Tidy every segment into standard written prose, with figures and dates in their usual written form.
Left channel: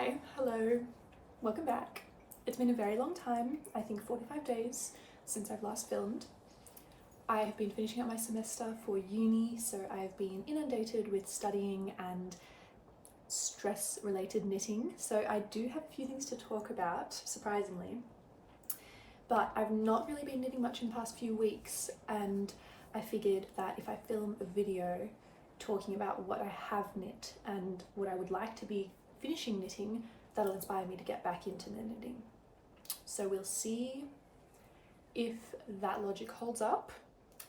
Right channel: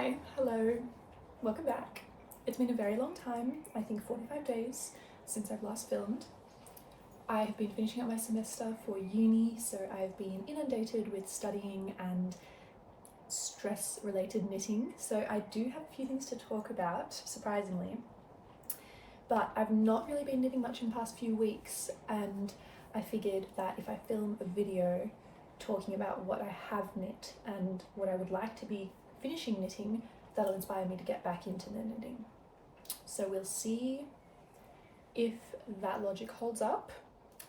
Hi, hello, welcome back. It's been a very long time, I think 45 days since I've last filmed. I've been finishing up my semester for uni, so I've been inundated with studying and stress-related knitting, so I do have a few things to talk about, surprisingly. But I've not really been knitting much in the past few weeks, and I figured that if I film a video talking about what I have knit and what I would like to be finishing knitting, that'll inspire me to get back into the knitting. So we'll see if that logic holds up.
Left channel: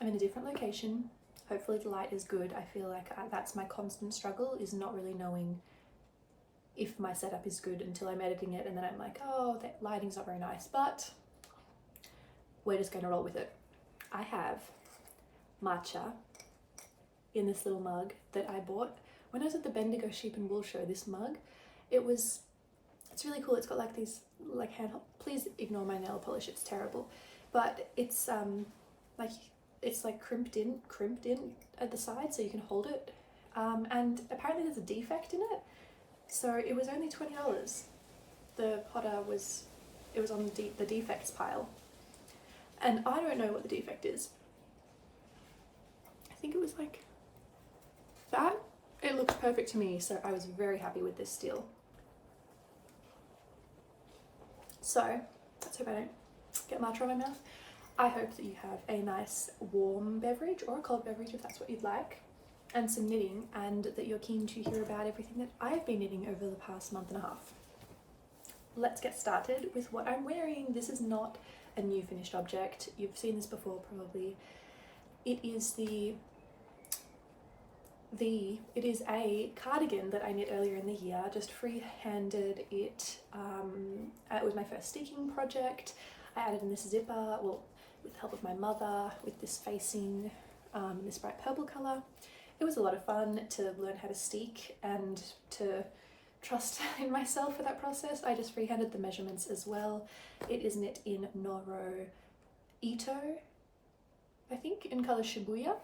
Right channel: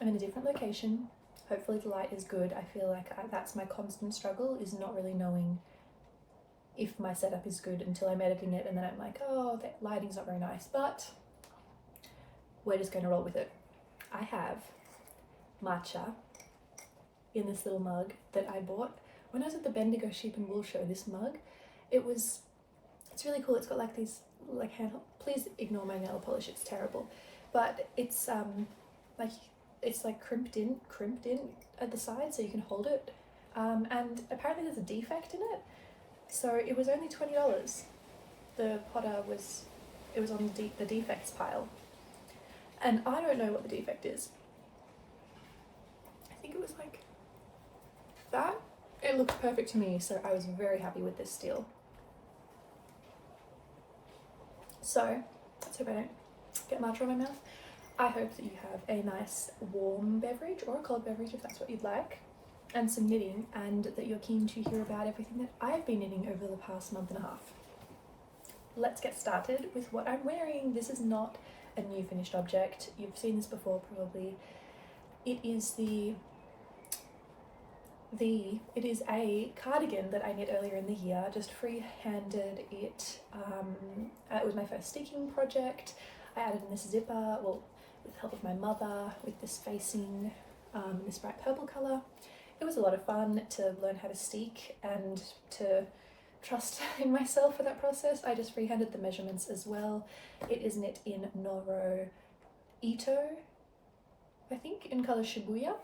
I'm in a different location. Hopefully the light is good. I feel like that's my constant struggle, is not really knowing if my setup is good until I'm editing it, and then I'm like, oh, the lighting's not very nice, but we're just going to roll with it. I have matcha in this little mug that I bought when I was at the Bendigo Sheep and Wool Show. This mug, it's really cool. It's got like these like please ignore my nail polish, it's terrible, but it's like crimped in at the side so you can hold it, and apparently there's a defect in it, so it was only $20. The potter was on the defects pile, and I don't know what the defect is. I think it was like that. It looked perfect to me, so I was very happy with this steal. So let's hope I don't get matcha on my mouth. I hope that you have a nice warm beverage or a cold beverage if that's what you'd like, and some knitting, and that you're keen to hear about everything that I've been knitting over the past month and a half. Let's get started with what I'm wearing. This is not a new finished object. You've seen this before probably. It is it is a cardigan that I knit earlier in the year, just free-handed it. It was my first sticking project. I added in this zipper, well, with the help of my mother, with this facing, this bright purple colour. It was a lot of fun to learn how to stick and to trust in myself for that process. I just free-handed the measurements as well. It is knit in noro ito, I think, in colour shibuya.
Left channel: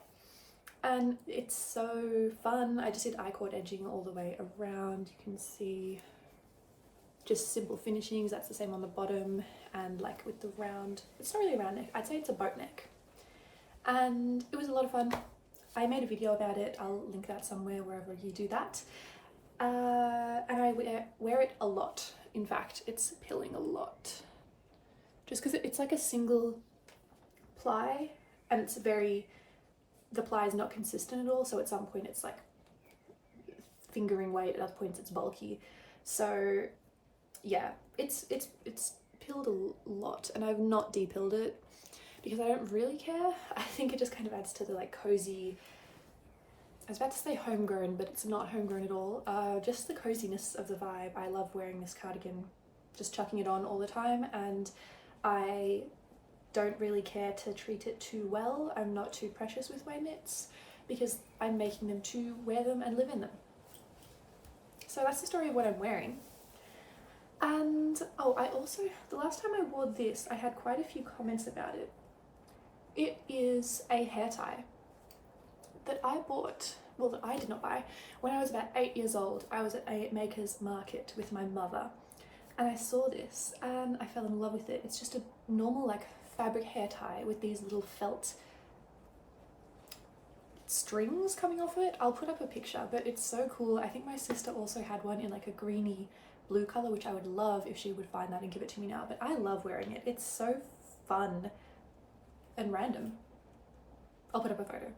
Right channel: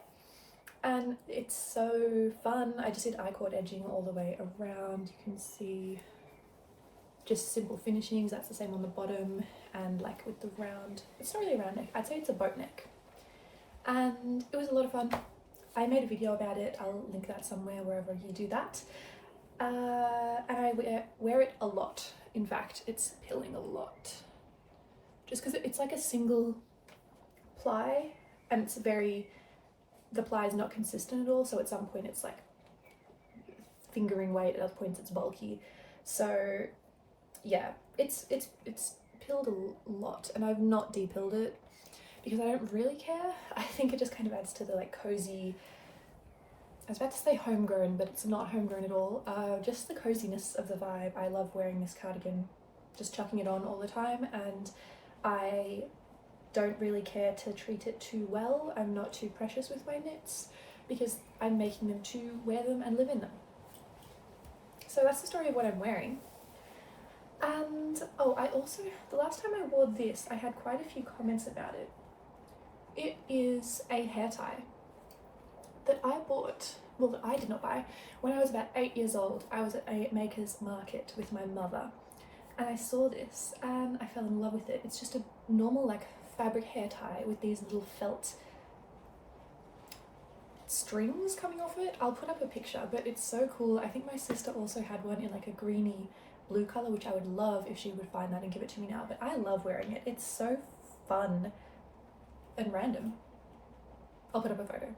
And it's so fun. I just did I-cord edging all the way around. You can see just simple finishings. That's the same on the bottom, and like with the round, it's not really a round neck, I'd say it's a boat neck. And it was a lot of fun. I made a video about it. I'll link that somewhere wherever you do that. And I wear it a lot. In fact, it's pilling a lot. Just because it's like a single ply, and it's the ply is not consistent at all, so at some point it's like fingering weight, at other points it's bulky. So yeah, it's pilled a lot, and I've not depilled it because I don't really care. I think it just kind of adds to the like cozy, I was about to say homegrown, but it's not homegrown at all, just the coziness of the vibe. I love wearing this cardigan, just chucking it on all the time, and I don't really care to treat it too well. I'm not too precious with my knits because I'm making them to wear them and live in them. So that's the story of what I'm wearing. And oh, I also, the last time I wore this, I had quite a few comments about it. It is a hair tie that I bought, well, that I did not buy, when I was about 8 years old. I was at a maker's market with my mother, and I saw this and I fell in love with it. It's just a normal like fabric hair tie with these little felt strings coming off it. I'll put up a picture, but it's so cool. I think my sister also had one in like a greeny blue color, which I would love if she would find that and give it to me now, but I love wearing it. It's so fun and random. I'll put up a photo.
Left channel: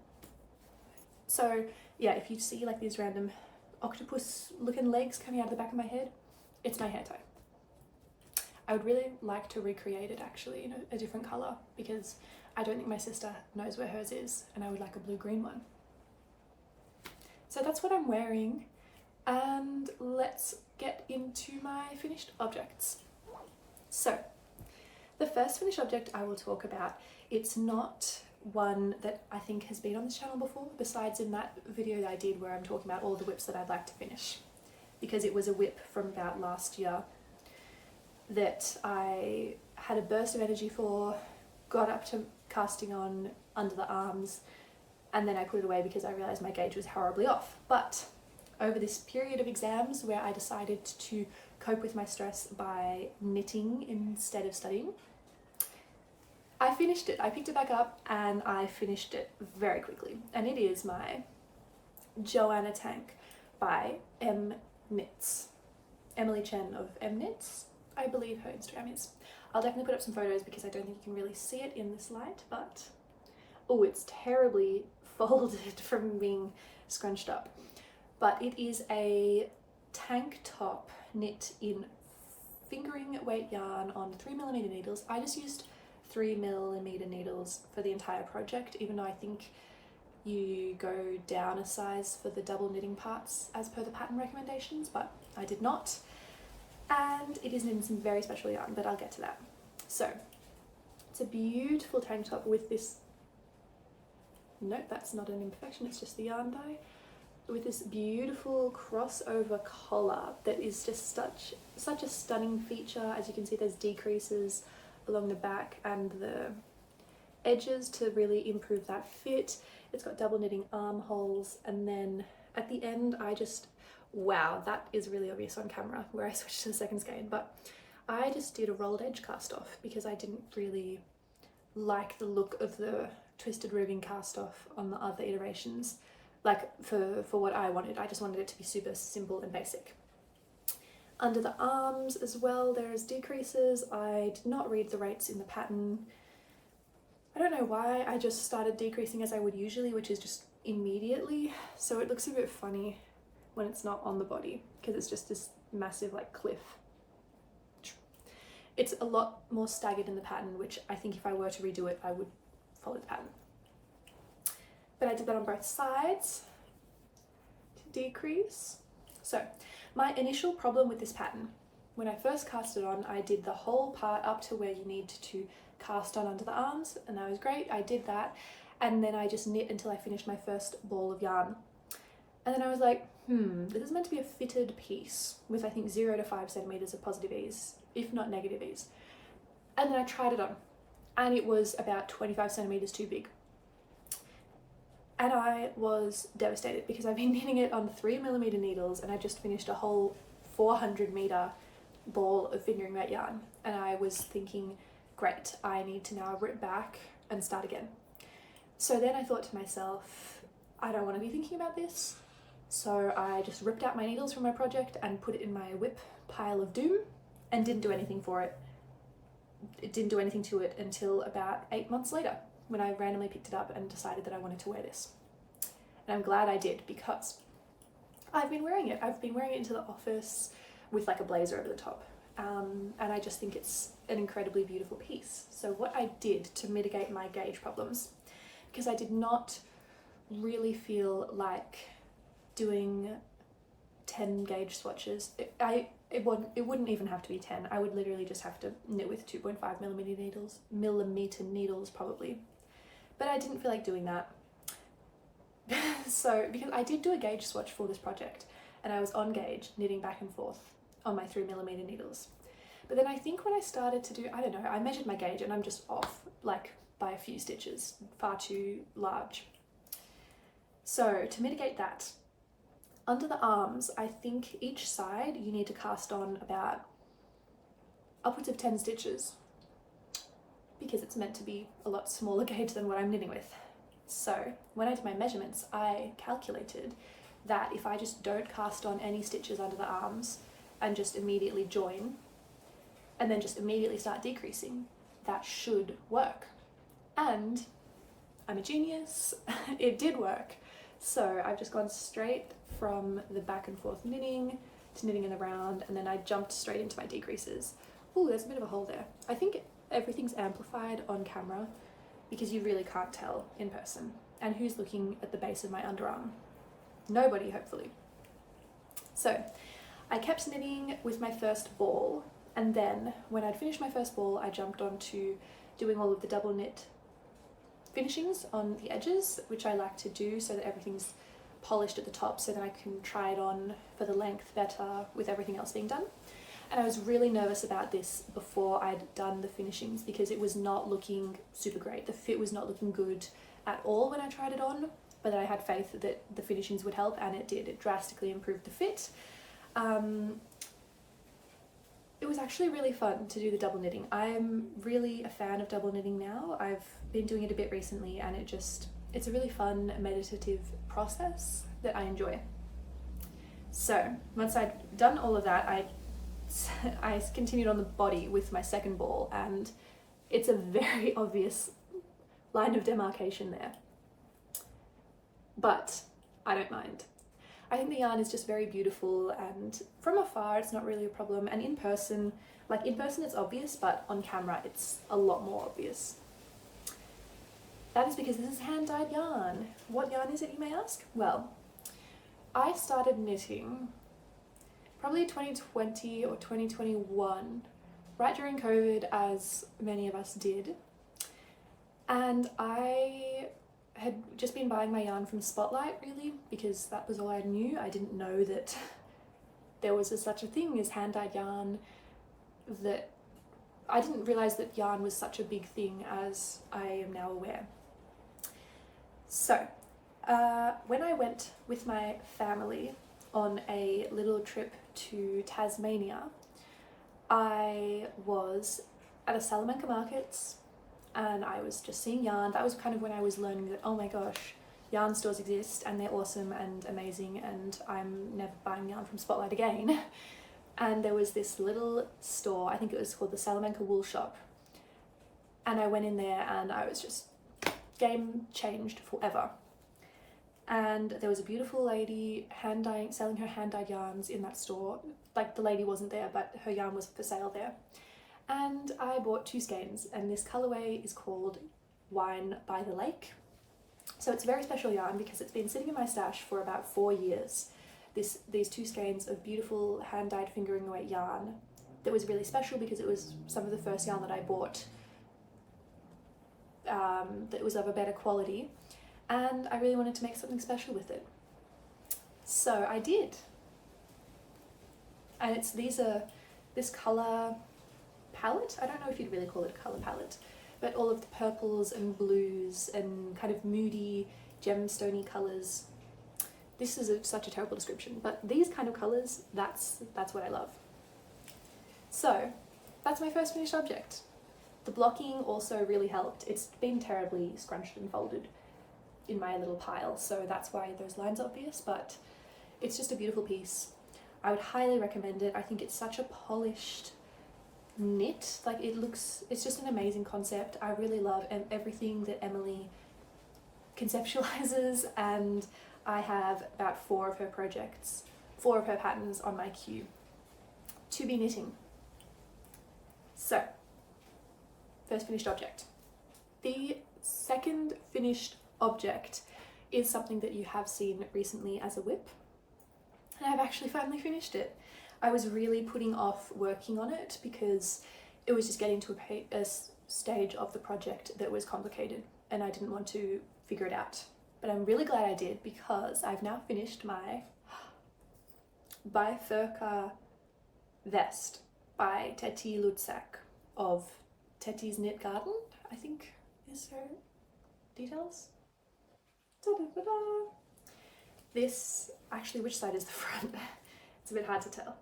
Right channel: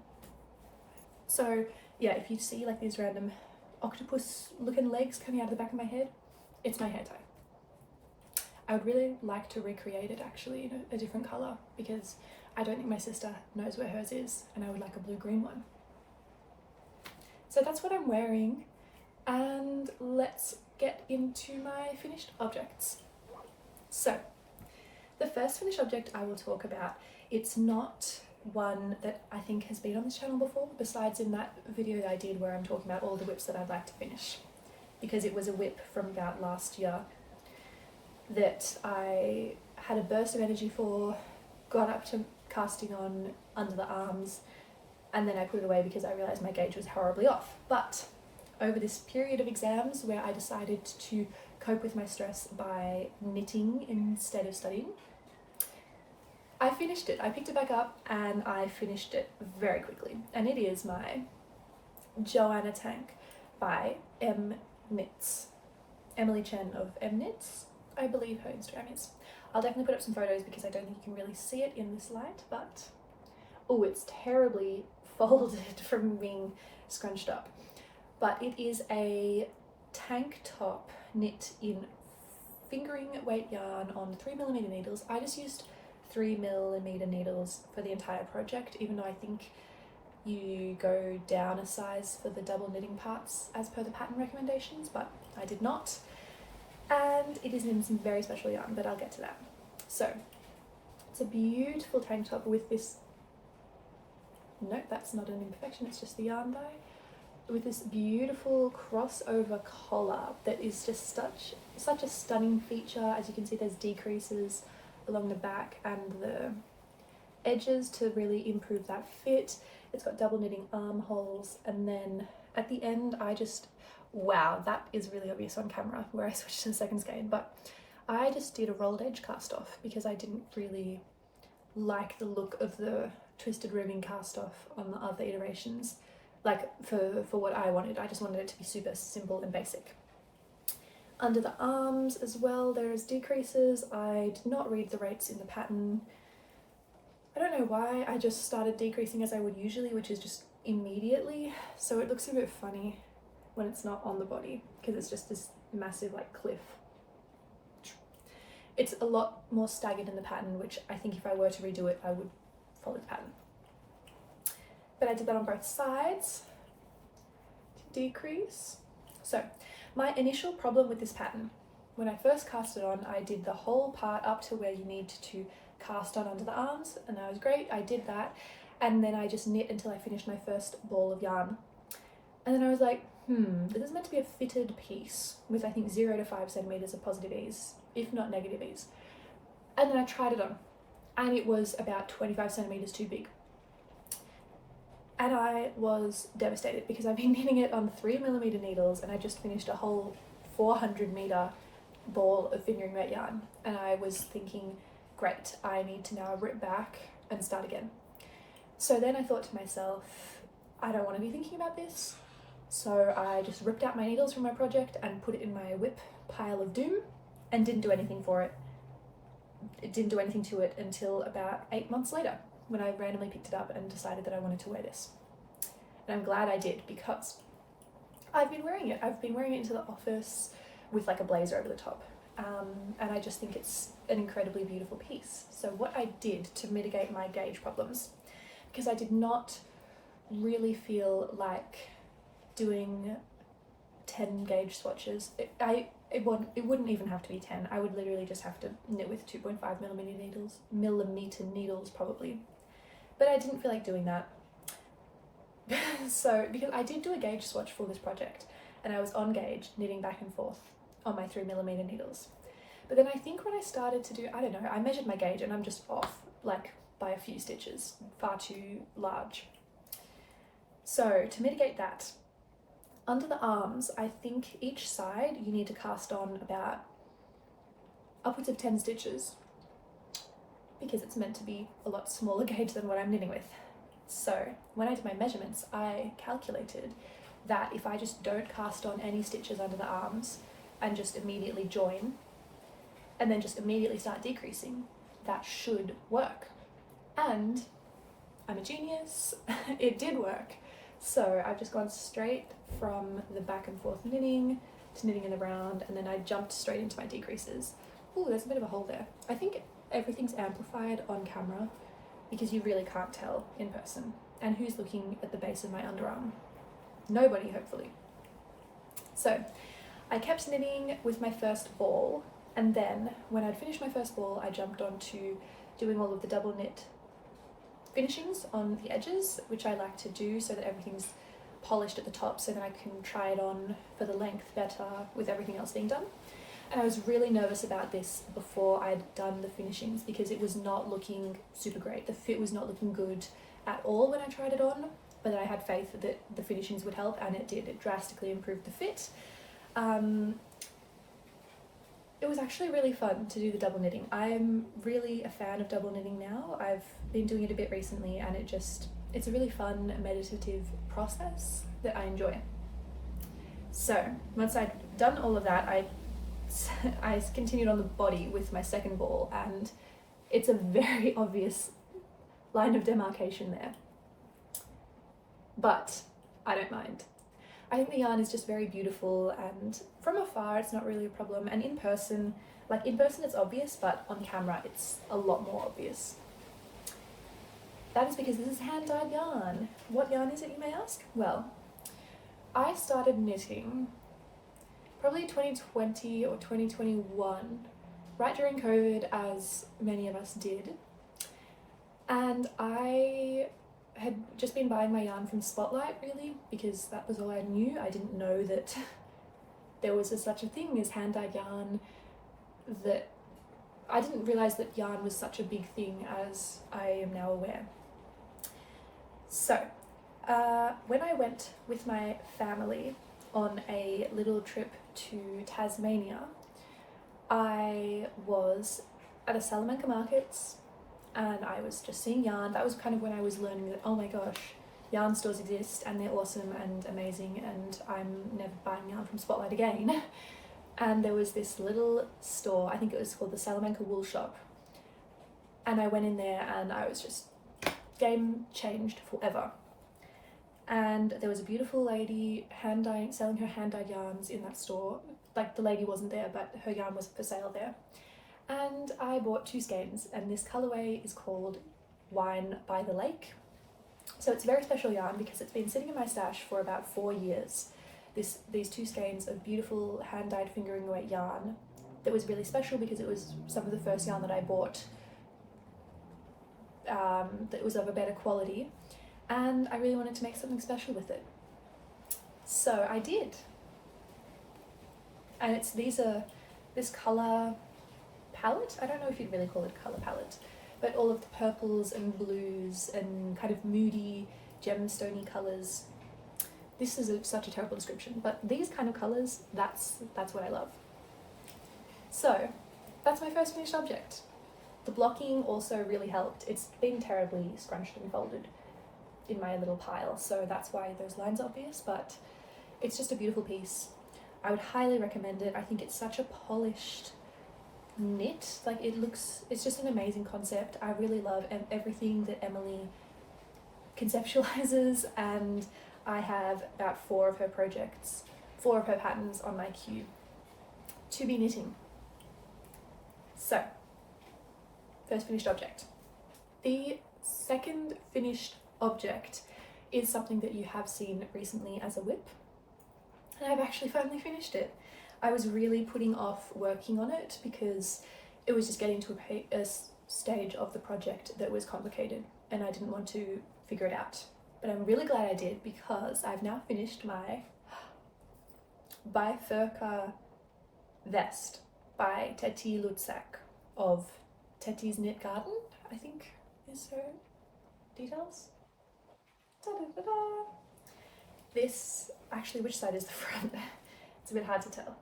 So yeah, if you see like these random octopus looking legs coming out of the back of my head, it's my hair tie. I would really like to recreate it actually in a different colour, because I don't think my sister knows where hers is, and I would like a blue-green one. So that's what I'm wearing, and let's get into my finished objects. So the first finished object I will talk about, it's not one that I think has been on this channel before, besides in that video that I did where I'm talking about all the whips that I'd like to finish, because it was a whip from about last year that I had a burst of energy for, got up to casting on under the arms, and then I put it away because I realised my gauge was horribly off. But over this period of exams where I decided to cope with my stress by knitting instead of studying. I finished it. I picked it back up and I finished it very quickly. And it is my Joanna tank by Knits. Emily Chen of Knits, I believe her Instagram is. I'll definitely put up some photos because I don't think you can really see it in this light, but oh, it's terribly folded from being scrunched up. But it is a tank top knit in fingering weight yarn on 3mm needles. I just used 3mm needles for the entire project, even though I think you go down a size for the double knitting parts as per the pattern recommendations, but I did not. And it is in some very special yarn, but I'll get to that. So it's a beautiful tank top with this, nope, that's not an imperfection, it's just the yarn dye, with this beautiful crossover collar that is just such a stunning feature. As you can see, there's decreases along the back and the edges to really improve that fit. It's got double knitting armholes, and then at the end I just, wow, that is really obvious on camera where I switched to the second skein, but I just did a rolled edge cast off because I didn't really like the look of the twisted ribbing cast off on the other iterations. Like for what I wanted, I just wanted it to be super simple and basic. Under the arms as well, there's decreases. I did not read the rates in the pattern. I don't know why, I just started decreasing as I would usually, which is just immediately. So it looks a bit funny when it's not on the body because it's just this massive like cliff. It's a lot more staggered in the pattern, which I think if I were to redo it, I would follow the pattern. But I did that on both sides to decrease. So my initial problem with this pattern, when I first cast it on, I did the whole part up to where you need to cast on under the arms, and that was great. I did that, and then I just knit until I finished my first ball of yarn. And then I was like, this is meant to be a fitted piece with I think 0 to 5 centimeters of positive ease, if not negative ease. And then I tried it on, and it was about 25 centimeters too big. And I was devastated because I've been knitting it on 3mm needles, and I just finished a whole 400-meter ball of fingering weight yarn. And I was thinking, great, I need to now rip back and start again. So then I thought to myself, I don't want to be thinking about this. So I just ripped out my needles from my project and put it in my whip pile of doom and didn't do anything for it. It didn't do anything to it until about 8 months later, when I randomly picked it up and decided that I wanted to wear this. And I'm glad I did, because I've been wearing it. I've been wearing it into the office with like a blazer over the top. And I just think it's an incredibly beautiful piece. So what I did to mitigate my gauge problems, because I did not really feel like doing 10 gauge swatches. It wouldn't even have to be 10. I would literally just have to knit with 2.5mm needles probably. But I didn't feel like doing that. So, because I did do a gauge swatch for this project, and I was on gauge, knitting back and forth on my 3mm needles. But then I think when I started to do, I don't know, I measured my gauge and I'm just off, like by a few stitches, far too large. So to mitigate that, under the arms, I think each side you need to cast on about upwards of 10 stitches because it's meant to be a lot smaller gauge than what I'm knitting with. So when I did my measurements, I calculated that if I just don't cast on any stitches under the arms and just immediately join and then just immediately start decreasing, that should work. And I'm a genius, it did work. So I've just gone straight from the back and forth knitting to knitting in the round, and then I jumped straight into my decreases. Oh, there's a bit of a hole there. I think everything's amplified on camera because you really can't tell in person. And who's looking at the base of my underarm? Nobody, hopefully. So I kept knitting with my first ball, and then when I'd finished my first ball, I jumped on to doing all of the double knit finishings on the edges, which I like to do so that everything's polished at the top so that I can try it on for the length better with everything else being done. And I was really nervous about this before I'd done the finishings because it was not looking super great. The fit was not looking good at all when I tried it on. but I had faith that the finishings would help, and it did. It drastically improved the fit. It was actually really fun to do the double knitting. I'm really a fan of double knitting now. I've been doing it a bit recently, and it's a really fun meditative process that I enjoy. So once I'd done all of that, I continued on the body with my second ball, and it's a very obvious line of demarcation there. But I don't mind. I think the yarn is just very beautiful, and from afar it's not really a problem, and in person it's obvious, but on camera it's a lot more obvious. That is because this is hand-dyed yarn. What yarn is it, you may ask? Well, I started knitting probably 2020 or 2021, right during COVID, as many of us did, and I had just been buying my yarn from Spotlight, really, because that was all I knew. I didn't know that there was such a thing as hand-dyed yarn, that I didn't realise that yarn was such a big thing as I am now aware. So when I went with my family on a little trip to Tasmania, I was at a Salamanca markets, and I was just seeing yarn. That was kind of when I was learning that, oh my gosh, yarn stores exist and they're awesome and amazing, and I'm never buying yarn from Spotlight again. And there was this little store, I think it was called the Salamanca Wool Shop, and I went in there and I was just game changed forever. And there was a beautiful lady selling her hand-dyed yarns in that store. Like, the lady wasn't there, but her yarn was for sale there. And I bought 2 skeins, and this colourway is called Wine by the Lake. So it's a very special yarn because it's been sitting in my stash for about 4 years. These 2 skeins of beautiful hand-dyed fingering weight yarn that was really special because it was some of the first yarn that I bought that was of a better quality, and I really wanted to make something special with it. So I did. And this colour palette, I don't know if you'd really call it a colour palette, but all of the purples and blues and kind of moody gemstony colours. This is such a terrible description, but these kind of colours, that's what I love. So that's my first finished object. The blocking also really helped. It's been terribly scrunched and folded in my little pile, so that's why those lines are obvious, but it's just a beautiful piece. I would highly recommend it. I think it's such a polished knit. Like, it's just an amazing concept. I really love everything that Emily conceptualizes, and I have about 4 of her patterns on my queue to be knitting. So, first finished object. The second finished object is something that you have seen recently as a whip, and I've actually finally finished it. I was really putting off working on it because it was just getting to a stage of the project that was complicated, and I didn't want to figure it out. But I'm really glad I did, because I've now finished my bifurca vest by Teti Lutsak of Teti's Knit Garden, I think is her details. Ta-da-da-da. This, actually, which side is the front? It's a bit hard to tell.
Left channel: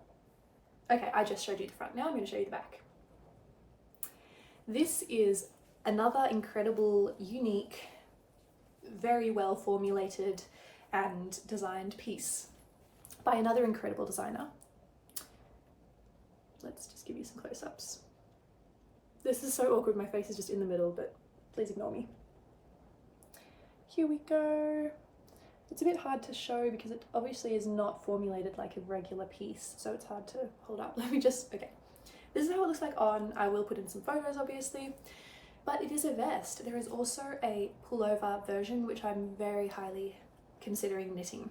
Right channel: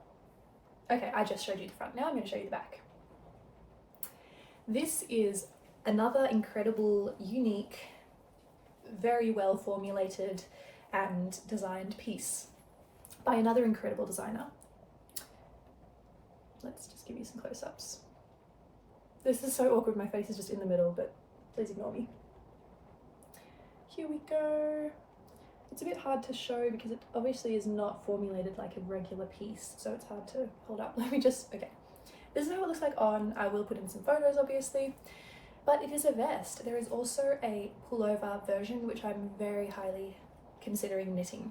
Okay, I just showed you the front. Now I'm going to show you the back. This is another incredible, unique, very well formulated and designed piece by another incredible designer. Let's just give you some close-ups. This is so awkward, my face is just in the middle, but please ignore me. Here we go. It's a bit hard to show because it obviously is not formulated like a regular piece, so it's hard to hold up. Okay. This is how it looks like on. I will put in some photos, obviously, but it is a vest. There is also a pullover version, which I'm very highly considering knitting.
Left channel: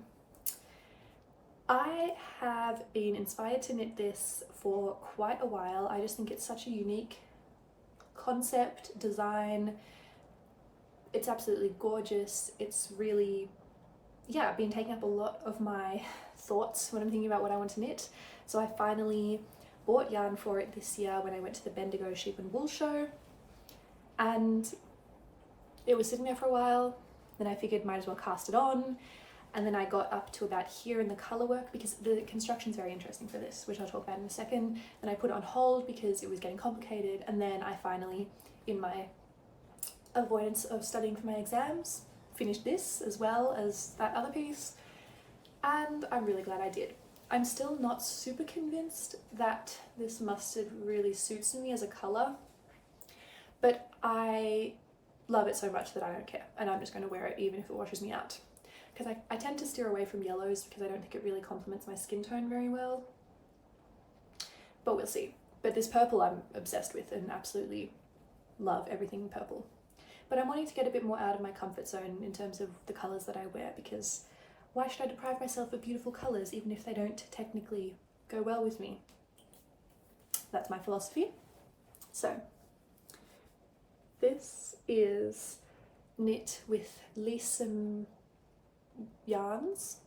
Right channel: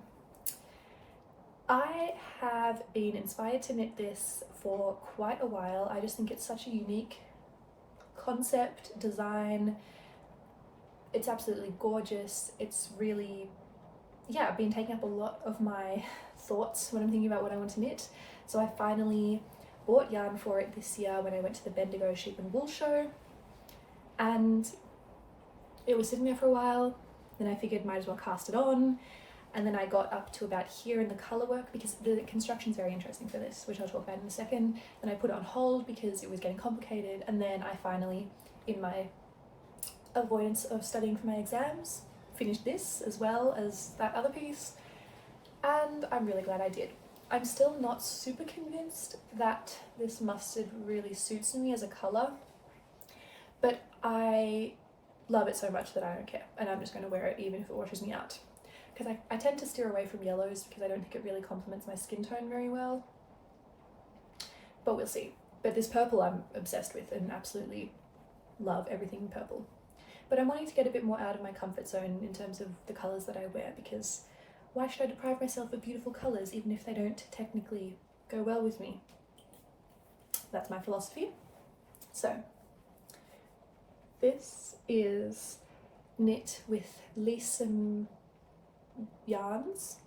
I have been inspired to knit this for quite a while. I just think it's such a unique concept, design. It's absolutely gorgeous. It's really, been taking up a lot of my thoughts when I'm thinking about what I want to knit. So I finally bought yarn for it this year when I went to the Bendigo Sheep and Wool Show, and it was sitting there for a while, Then I figured might as well cast it on. And then I got up to about here in the colourwork because the construction is very interesting for this, which I'll talk about in a second. Then I put it on hold because it was getting complicated. And then I finally, in my avoidance of studying for my exams, finished this as well as that other piece. And I'm really glad I did. I'm still not super convinced that this mustard really suits me as a colour, but I love it so much that I don't care, and I'm just going to wear it even if it washes me out. Because I tend to steer away from yellows because I don't think it really complements my skin tone very well. But we'll see. But this purple I'm obsessed with and absolutely love everything purple. But I'm wanting to get a bit more out of my comfort zone in terms of the colours that I wear, because why should I deprive myself of beautiful colours even if they don't technically go well with me? That's my philosophy. So this is knit with leahcim yarns,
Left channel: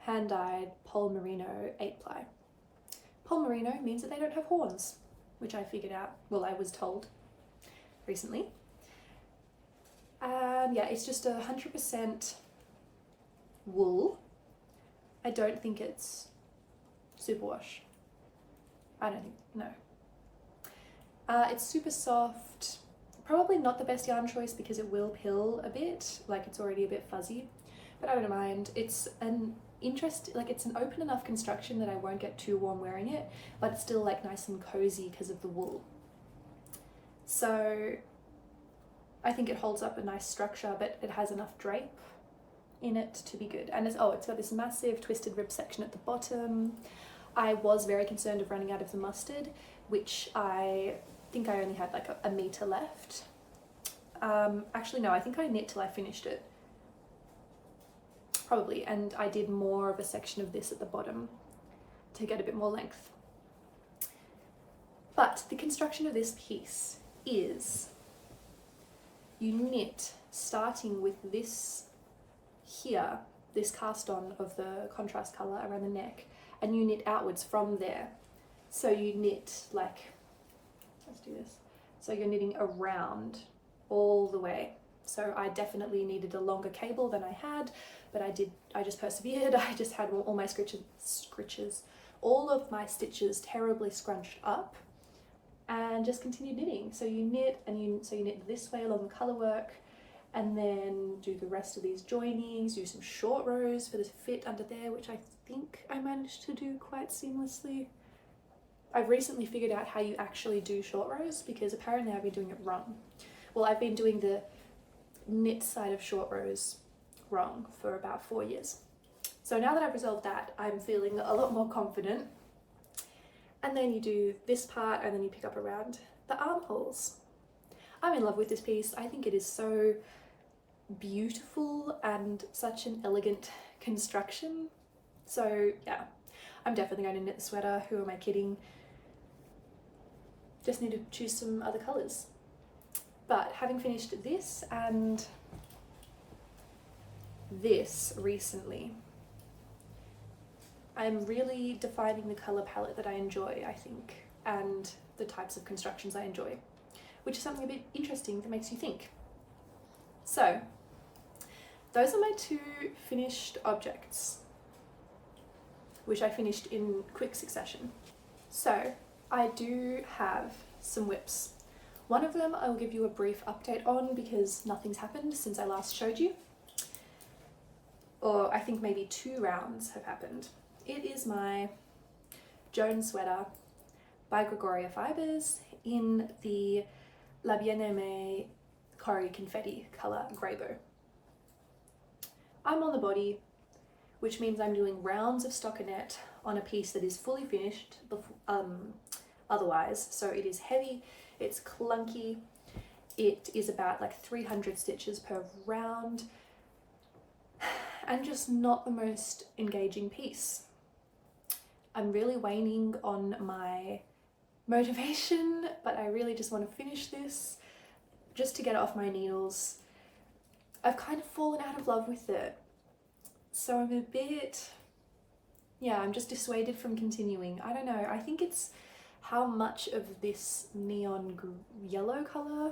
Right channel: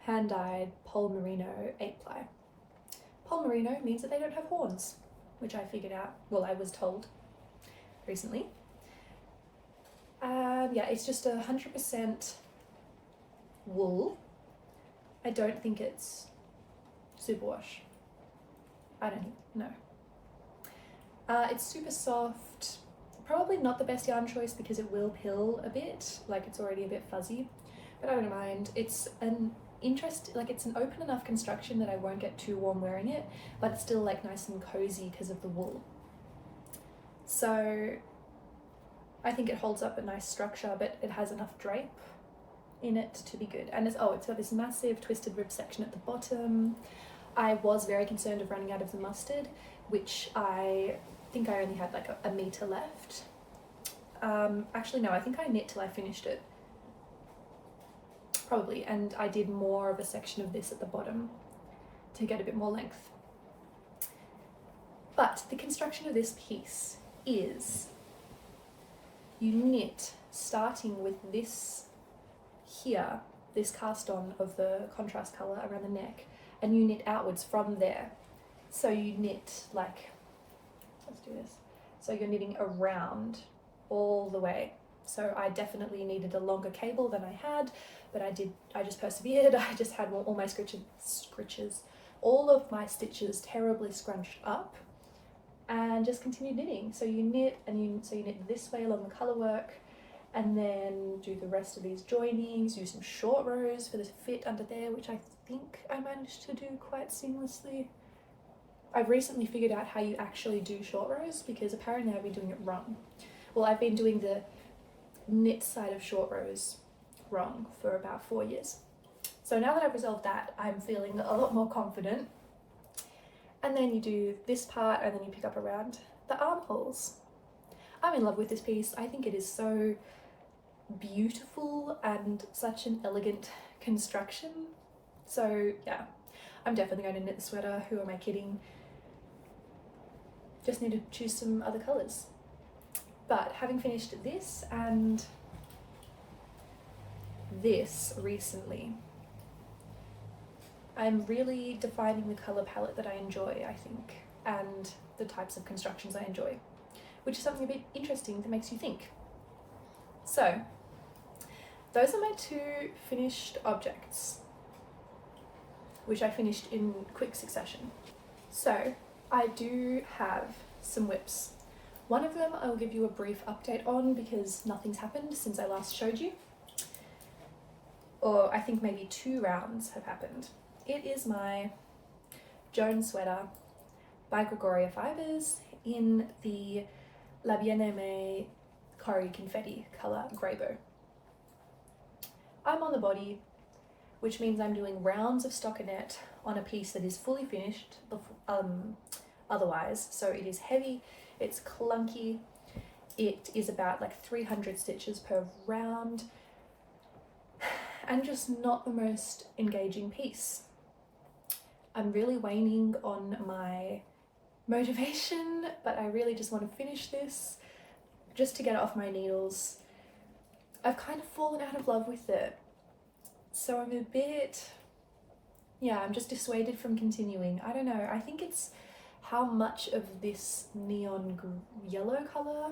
hand-dyed pole merino 8-ply. Pole merino means that they don't have horns, which I figured out, well, I was told recently. Yeah, it's just 100% wool. I don't think it's superwash. I don't know. It's super soft. Probably not the best yarn choice because it will pill a bit, like it's already a bit fuzzy, but I don't mind. It's an it's an open enough construction that I won't get too warm wearing it, but it's still like nice and cozy because of the wool. So I think it holds up a nice structure, but it has enough drape in it to be good. And it's got this massive twisted rib section at the bottom. I was very concerned of running out of the mustard, which I think I only had like a meter left. Actually no, I think I knit till I finished it, probably, and I did more of a section of this at the bottom to get a bit more length. But the construction of this piece is you knit starting with this here, this cast on of the contrast colour around the neck, and you knit outwards from there. So you knit like, let's do this. So you're knitting around all the way. So I definitely needed a longer cable than I had, but I just persevered. I just had all my all of my stitches terribly scrunched up, and just continued knitting. So you knit so you knit this way along the colourwork, and then do the rest of these joinings, use some short rows for the fit under there, which I think I managed to do quite seamlessly. I've recently figured out how you actually do short rows because apparently I've been doing it wrong. Well, I've been doing the knit side of short rows wrong for about 4 years. So now that I've resolved that, I'm feeling a lot more confident. And then you do this part and then you pick up around the armholes. I'm in love with this piece. I think it is so beautiful and such an elegant construction. So yeah, I'm definitely going to knit the sweater. Who am I kidding? Just need to choose some other colours. But having finished this and this recently, I'm really defining the colour palette that I enjoy, I think, and the types of constructions I enjoy, which is something a bit interesting that makes you think. So those are my 2 finished objects, which I finished in quick succession. So I do have some whips. One of them I will give you a brief update on because nothing's happened since I last showed you. Or I think maybe 2 rounds have happened. It is my Joan sweater by Gregoria Fibres in the aimee corrie confetti colour greybow. I'm on the body, which means I'm doing rounds of stockinette on a piece that is fully finished otherwise. So it is heavy, it's clunky, it is about like 300 stitches per round, and just not the most engaging piece. I'm really waning on my motivation, but I really just want to finish this just to get it off my needles. I've kind of fallen out of love with it, so I'm a bit, yeah, I'm just dissuaded from continuing. I don't know, I think it's how much of this neon yellow colour.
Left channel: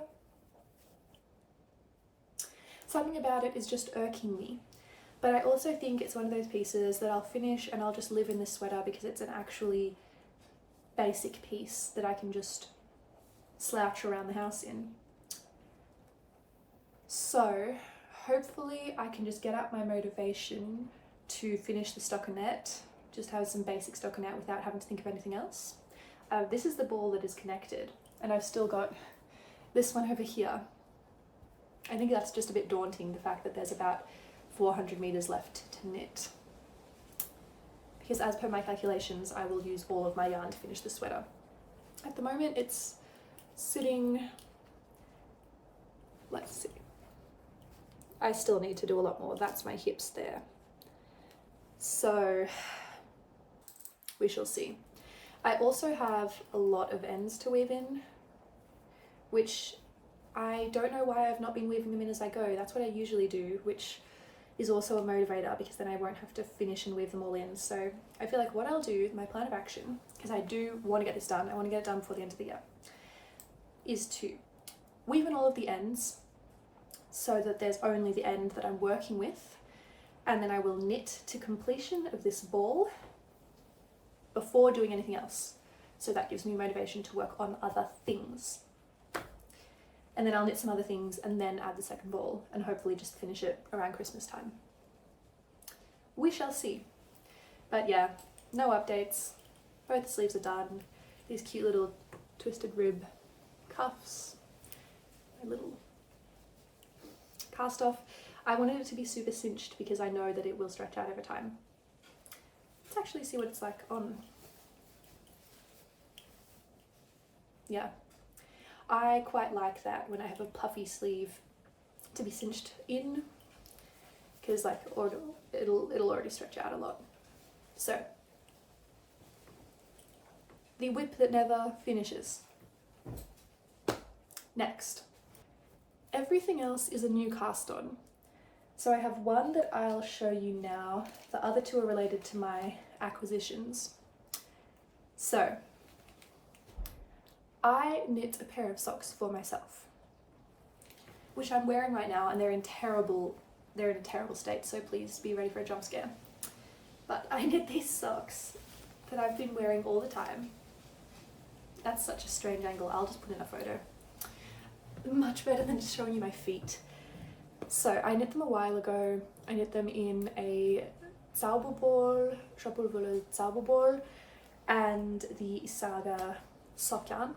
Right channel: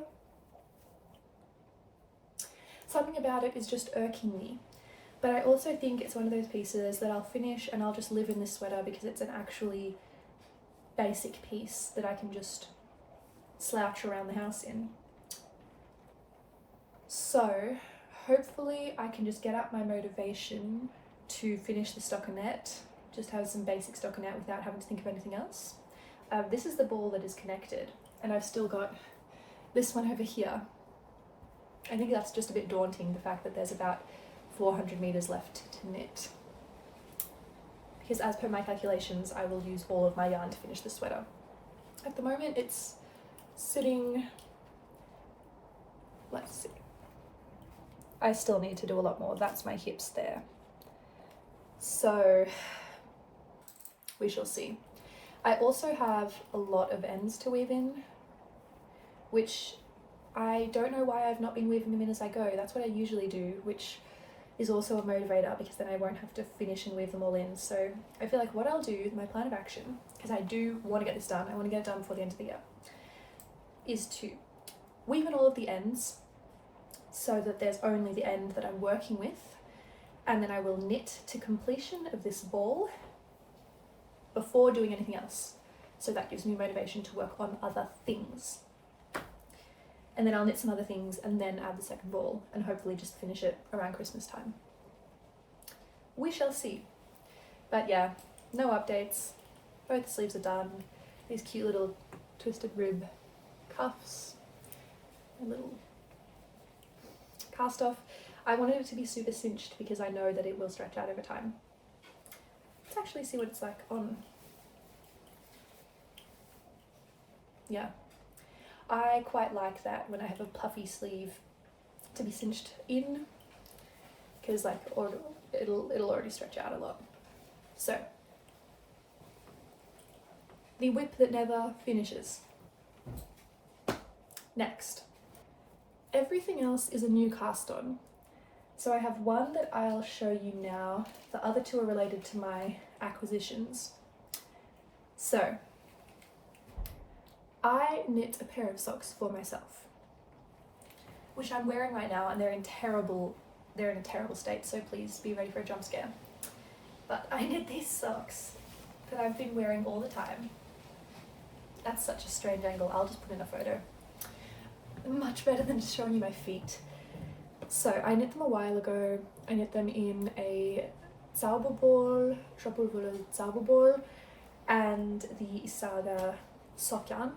Something about it is just irking me. But I also think it's one of those pieces that I'll finish and I'll just live in this sweater because it's an actually basic piece that I can just slouch around the house in. So hopefully I can just get up my motivation to finish the stockinette, just have some basic stockinette without having to think of anything else. This is the ball that is connected, and I've still got this one over here. I think that's just a bit daunting, the fact that there's about 400 meters left to knit. Because as per my calculations, I will use all of my yarn to finish the sweater. At the moment it's sitting, let's see. I still need to do a lot more. That's my hips there. So we shall see. I also have a lot of ends to weave in, which I don't know why I've not been weaving them in as I go. That's what I usually do, which is also a motivator because then I won't have to finish and weave them all in. So I feel like what I'll do, my plan of action, because I do want to get this done, I want to get it done before the end of the year, is to weave in all of the ends so that there's only the end that I'm working with, and then I will knit to completion of this ball before doing anything else. So that gives me motivation to work on other things. And then I'll knit some other things and then add the second ball and hopefully just finish it around Christmas time. We shall see. But yeah, no updates. Both the sleeves are done. These cute little twisted rib cuffs, a little cast off. I wanted it to be super cinched because I know that it will stretch out over time. Let's actually see what it's like on. Yeah. I quite like that when I have a puffy sleeve to be cinched in, because like it'll already stretch out a lot. So the whip that never finishes. Next, everything else is a new cast on. So I have one that I'll show you now. The other two are related to my acquisitions. So I knit a pair of socks for myself, which I'm wearing right now, and they're in a terrible state, so please be ready for a jump scare. But I knit these socks that I've been wearing all the time. That's such a strange angle. I'll just put in a photo. Much better than just showing you my feet. So I knit them a while ago. I knit them in a zauberball, schoppel-wolle zauberball, and the isager sock yarn.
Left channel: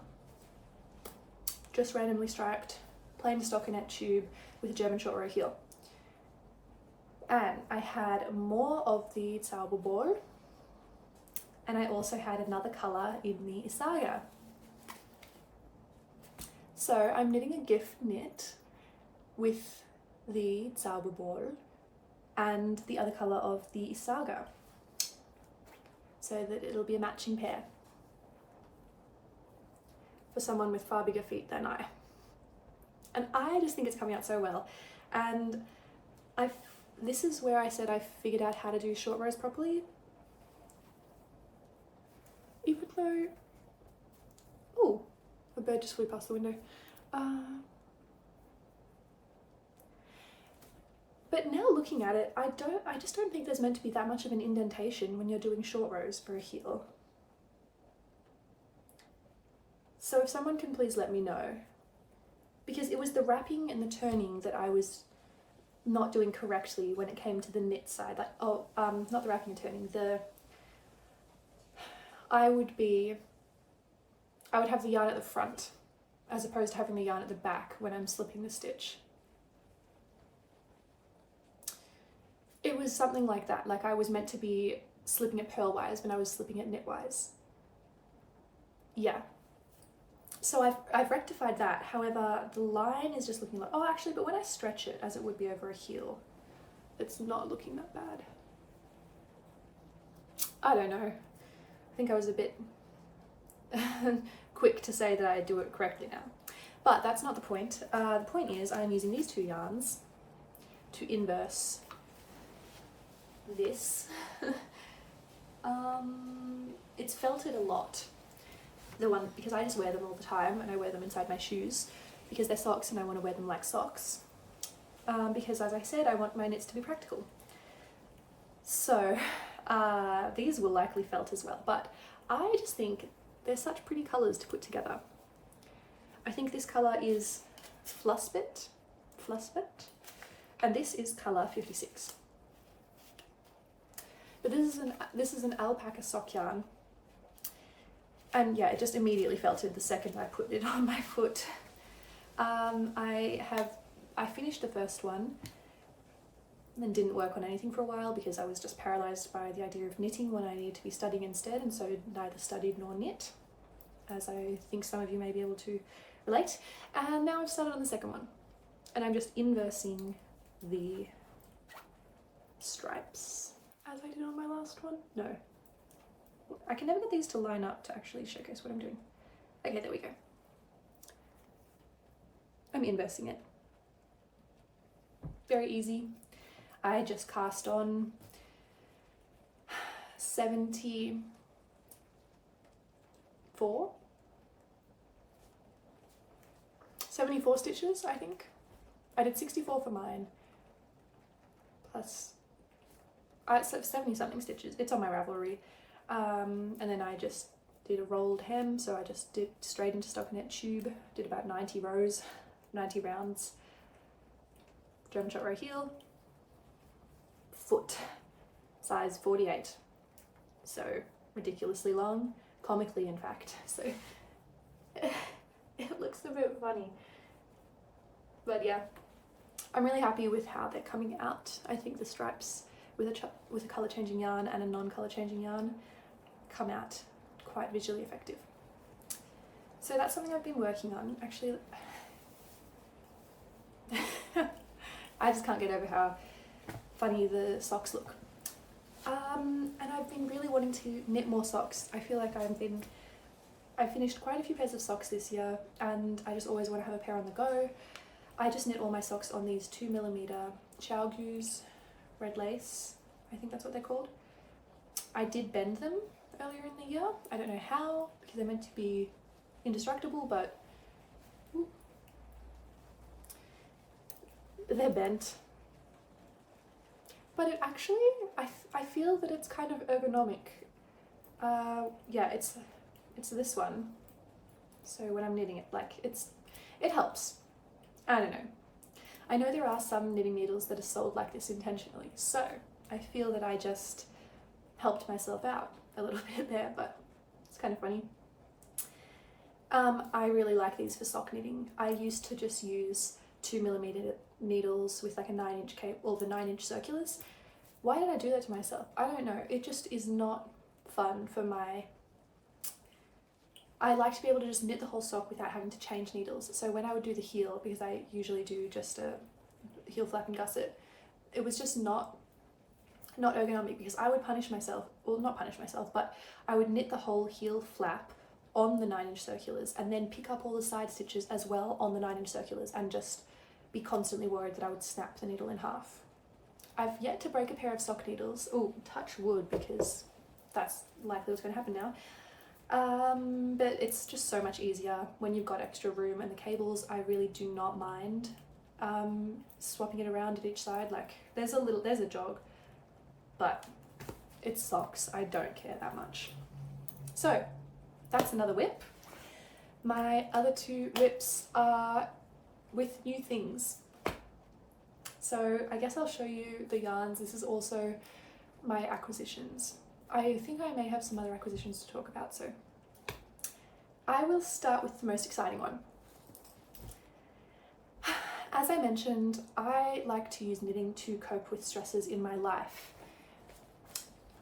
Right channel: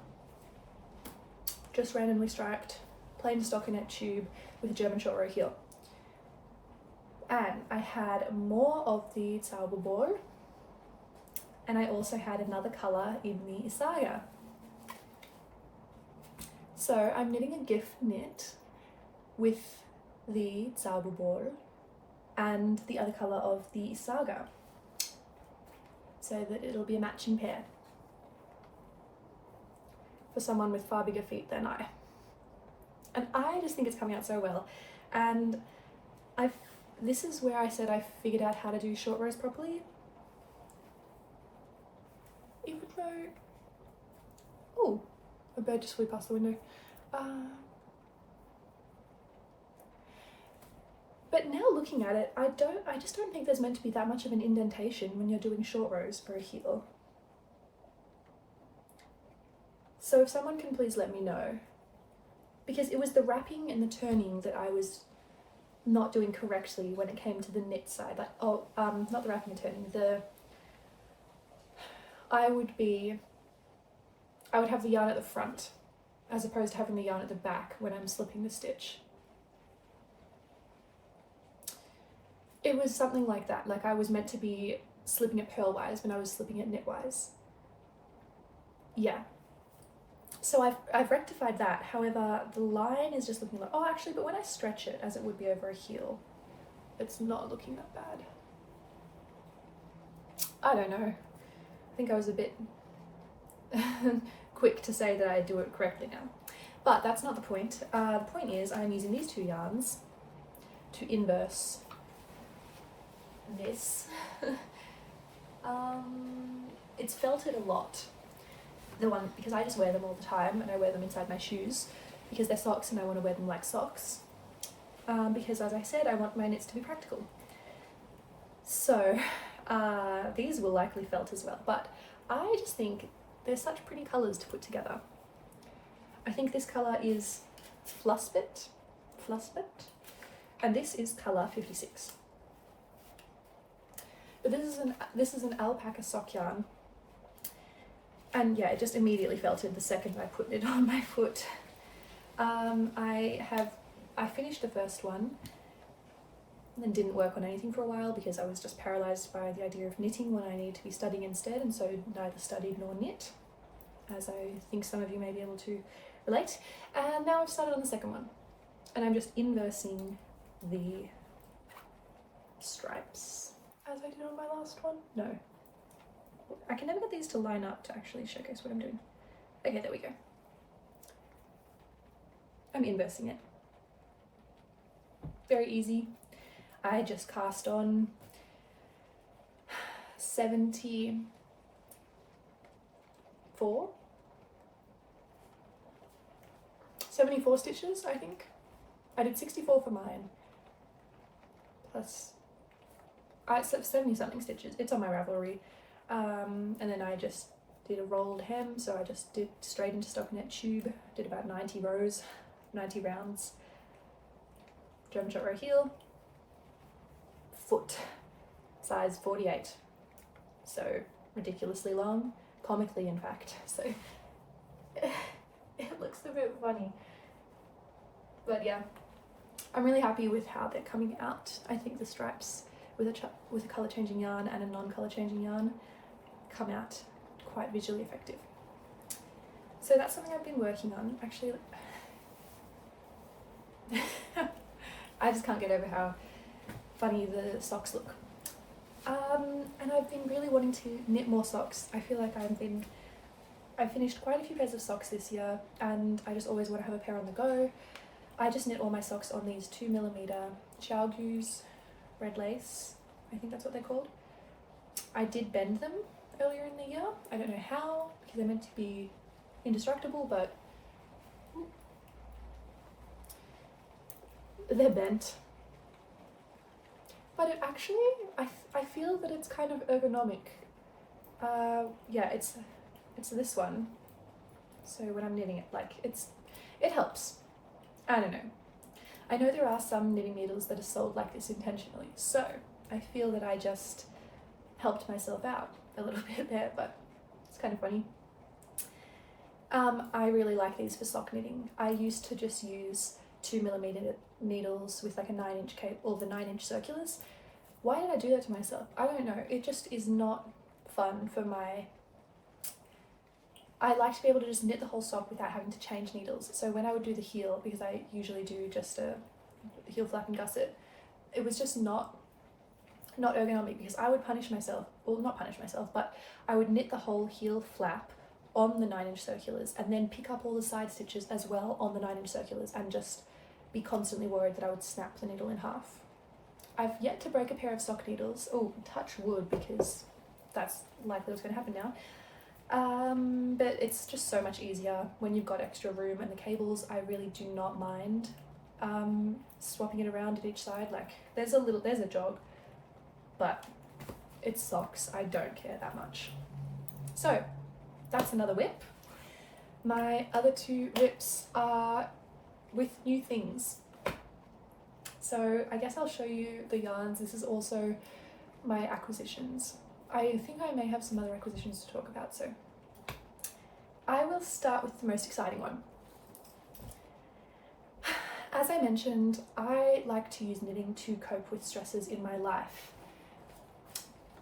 Just randomly striped, plain stockinette tube with a German short row heel. And I had more of the zauberball, and I also had another colour in the isager. So I'm knitting a gift knit with the zauberball and the other colour of the isager, so that it'll be a matching pair for someone with far bigger feet than I. And I just think it's coming out so well. And this is where I said I figured out how to do short rows properly. Even though, oh, a bird just flew past the window. But now looking at it, I just don't think there's meant to be that much of an indentation when you're doing short rows for a heel. So if someone can please let me know, because it was the wrapping and the turning that I was not doing correctly when it came to the knit side. Like, not the wrapping and turning, I would have the yarn at the front as opposed to having the yarn at the back when I'm slipping the stitch. It was something like that, like I was meant to be slipping it purlwise when I was slipping it knitwise. Yeah. So I've rectified that. However, the line is just looking like, oh actually, but when I stretch it as it would be over a heel, it's not looking that bad. I don't know. I think I was a bit quick to say that I do it correctly now. But that's not the point. The point is I'm using these two yarns to inverse this. It's felted a lot. The one, because I just wear them all the time and I wear them inside my shoes because they're socks and I want to wear them like socks. because as I said, I want my knits to be practical. So these will likely felt as well, but I just think they're such pretty colours to put together. I think this colour is flusbett, and this is colour 56. But this is an alpaca sock yarn, and yeah, it just immediately felted the second I put it on my foot. I finished the first one and didn't work on anything for a while because I was just paralysed by the idea of knitting when I need to be studying instead, and so neither studied nor knit, as I think some of you may be able to relate. And now I've started on the second one, and I'm just inversing the stripes as I did on my last one. No, I can never get these to line up to actually showcase what I'm doing. Okay, there we go. I'm inversing it. Very easy. I just cast on 74 stitches, I think. I did 64 for mine, plus it's like 70 something stitches. It's on my Ravelry. And then I just did a rolled hem, so I just did straight into stockinette tube, did about 90 rows, 90 rounds, German short row heel, foot size 48, so ridiculously long, comically in fact, so it looks a bit funny, but yeah, I'm really happy with how they're coming out. I think the stripes with a colour changing yarn and a non-colour changing yarn come out quite visually effective. So that's something I've been working on. Actually, I just can't get over how funny the socks look. And I've been really wanting to knit more socks. I feel like I've finished quite a few pairs of socks this year, and I just always want to have a pair on the go. I just knit all my socks on these 2mm Xiaogu's red lace. I think that's what they're called. I did bend them earlier in the year. I don't know how, because they're meant to be indestructible, but they're bent. But it actually, I feel that it's kind of ergonomic. Yeah, it's this one. So when I'm knitting it, like it helps. I don't know. I know there are some knitting needles that are sold like this intentionally, so I feel that I just helped myself out a little bit there, but it's kind of funny. I really like these for sock knitting. I used to just use 2mm needles with like a 9-inch cape, or the 9-inch circulars. Why did I do that to myself? I don't know. It just is not fun for my... I like to be able to just knit the whole sock without having to change needles. So when I would do the heel, because I usually do just a heel flap and gusset, it was just not ergonomic, because I would punish myself, well, not punish myself, but I would knit the whole heel flap on the 9-inch circulars and then pick up all the side stitches as well on the 9-inch circulars and just be constantly worried that I would snap the needle in half. I've yet to break a pair of sock needles. Oh, touch wood, because that's likely what's going to happen now. But it's just so much easier when you've got extra room, and the cables, I really do not mind swapping it around at each side. Like there's a jog, but it's socks. I don't care that much. So that's another whip. My other two whips are with new things. So I guess I'll show you the yarns. This is also my acquisitions. I think I may have some other acquisitions to talk about, so I will start with the most exciting one. As I mentioned, I like to use knitting to cope with stresses in my life.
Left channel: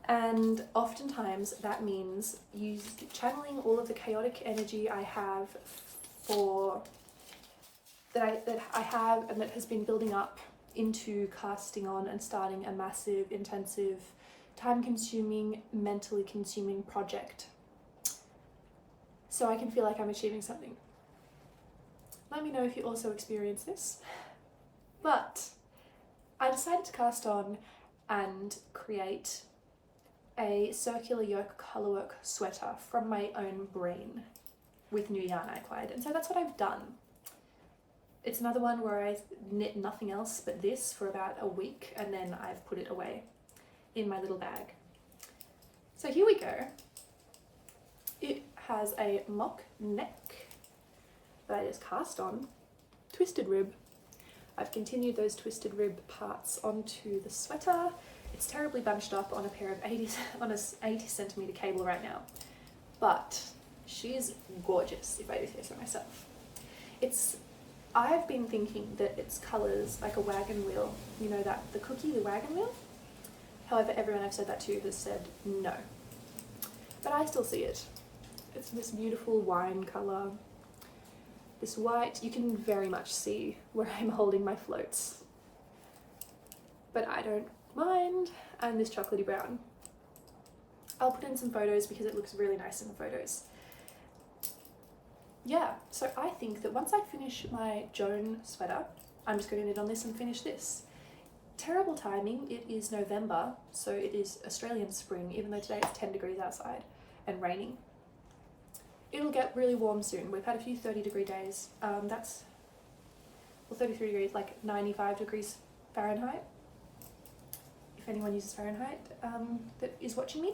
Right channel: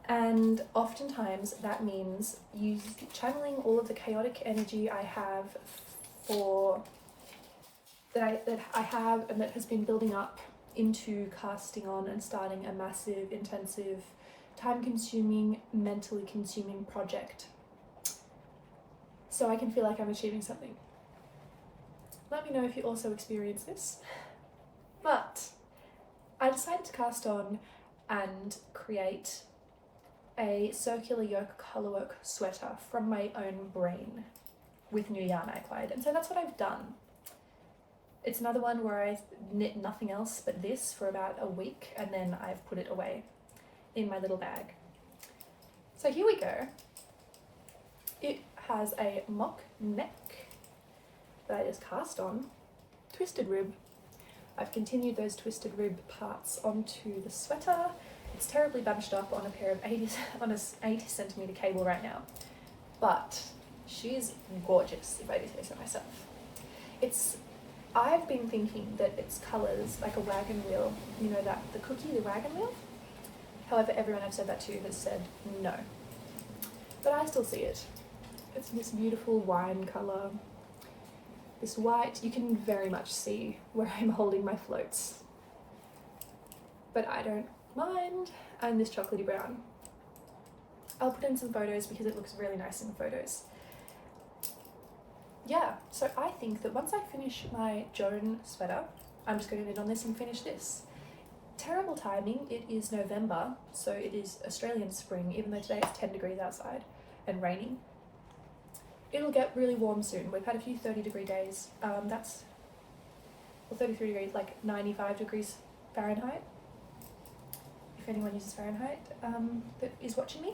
And oftentimes that means channeling all of the chaotic energy I have that I have and that has been building up into casting on and starting a massive, intensive, time-consuming, mentally consuming project, so I can feel like I'm achieving something. Let me know if you also experience this. But I decided to cast on and create a circular yoke colourwork sweater from my own brain with new yarn I acquired, and so that's what I've done. It's another one where I knit nothing else but this for about a week, and then I've put it away in my little bag. So here we go. It has a mock neck that I just cast on, twisted rib. I've continued those twisted rib parts onto the sweater. It's terribly bunched up on a pair of 80 centimeter cable right now, but she's gorgeous, if I do say so myself. I've been thinking that its colours like a wagon wheel, you know, that the cookie, the wagon wheel. However, everyone I've said that to has said no, but I still see it. It's this beautiful wine colour, this white. You can very much see where I'm holding my floats, but I don't mind. And this chocolatey brown. I'll put in some photos because it looks really nice in the photos. Yeah, so I think that once I finish my Joan sweater, I'm just going to knit on this and finish this. Terrible timing, it is November, so it is Australian spring, even though today it's 10 degrees outside and raining. It'll get really warm soon. We've had a few 30-degree days. That's, well, 33 degrees, like 95 degrees Fahrenheit. If anyone uses Fahrenheit that is watching me.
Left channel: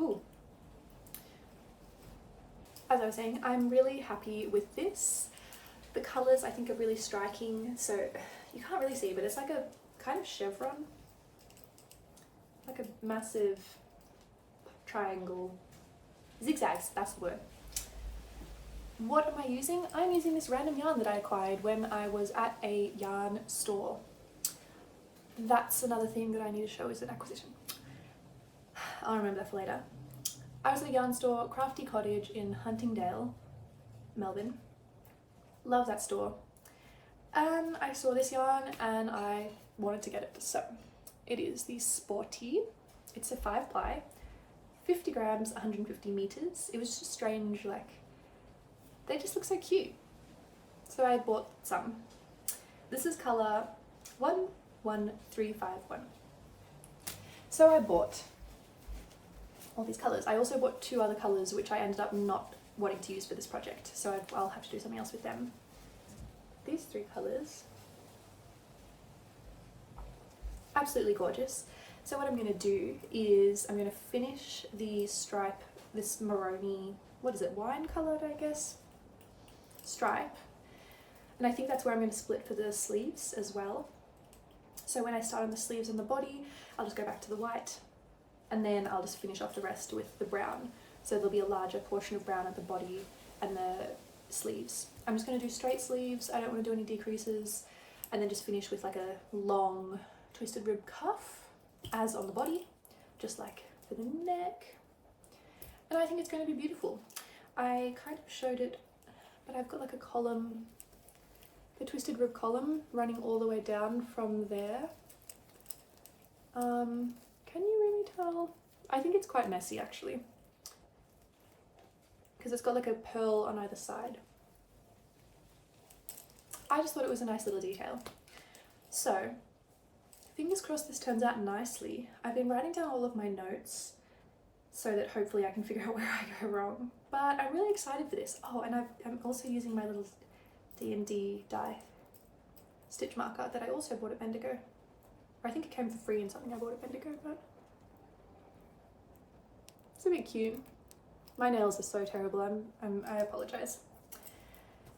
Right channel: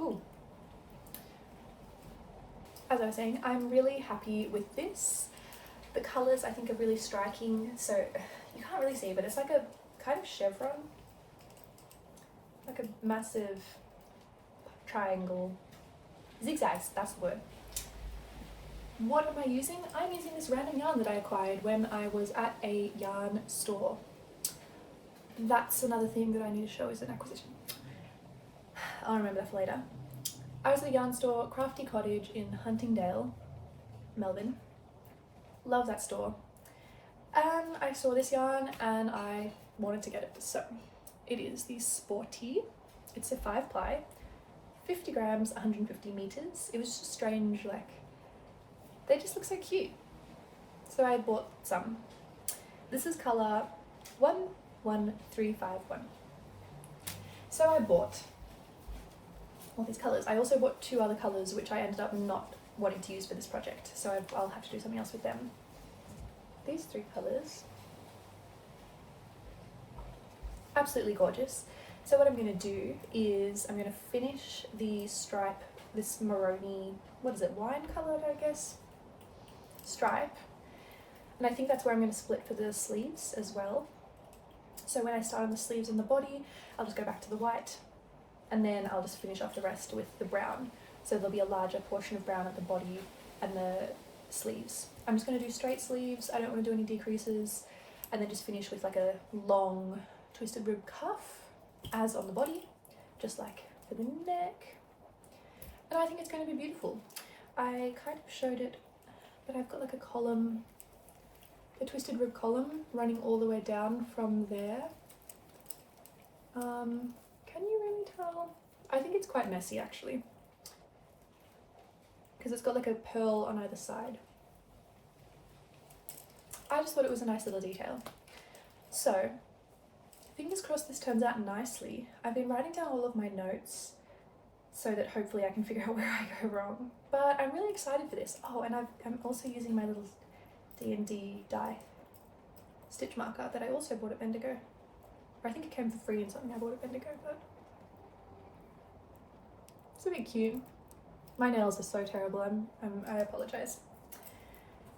Ooh. As I was saying, I'm really happy with this. The colours I think are really striking. So you can't really see, but it's like a kind of chevron, like a massive triangle. Zigzags, that's the word. What am I using? I'm using this random yarn that I acquired when I was at a yarn store. That's another thing that I need to show as an acquisition. I'll remember that for later. I was at a yarn store, Crafty Cottage in Huntingdale, Melbourne. Love that store. And I saw this yarn and I wanted to get it. So it is the Sporti. It's a 5-ply, 50 grams, 150 meters. It was just strange, like, they just look so cute. So I bought some. This is colour 11351. So I bought all these colours. I also bought 2 other colours which I ended up not wanting to use for this project, so I'll have to do something else with them. These 3 colours, absolutely gorgeous. So what I'm going to do is I'm going to finish the stripe, this maroni, what is it, wine coloured I guess, stripe, and I think that's where I'm going to split for the sleeves as well. So when I start on the sleeves and the body, I'll just go back to the white, and then I'll just finish off the rest with the brown. So there'll be a larger portion of brown at the body and the sleeves. I'm just going to do straight sleeves, I don't want to do any decreases, and then just finish with like a long twisted rib cuff as on the body, just like for the neck. And I think it's going to be beautiful. I kind of showed it, but I've got like a column, the twisted rib column running all the way down from there. Can you really tell? I think it's quite messy actually, because it's got like a pearl on either side. I just thought it was a nice little detail. So fingers crossed this turns out nicely. I've been writing down all of my notes so that hopefully I can figure out where I go wrong, but I'm really excited for this. Oh, and I'm also using my little D&D die stitch marker that I also bought at Bendigo. Or I think it came for free in something I bought at Bendigo, but it's a bit cute. My nails are so terrible, I apologise.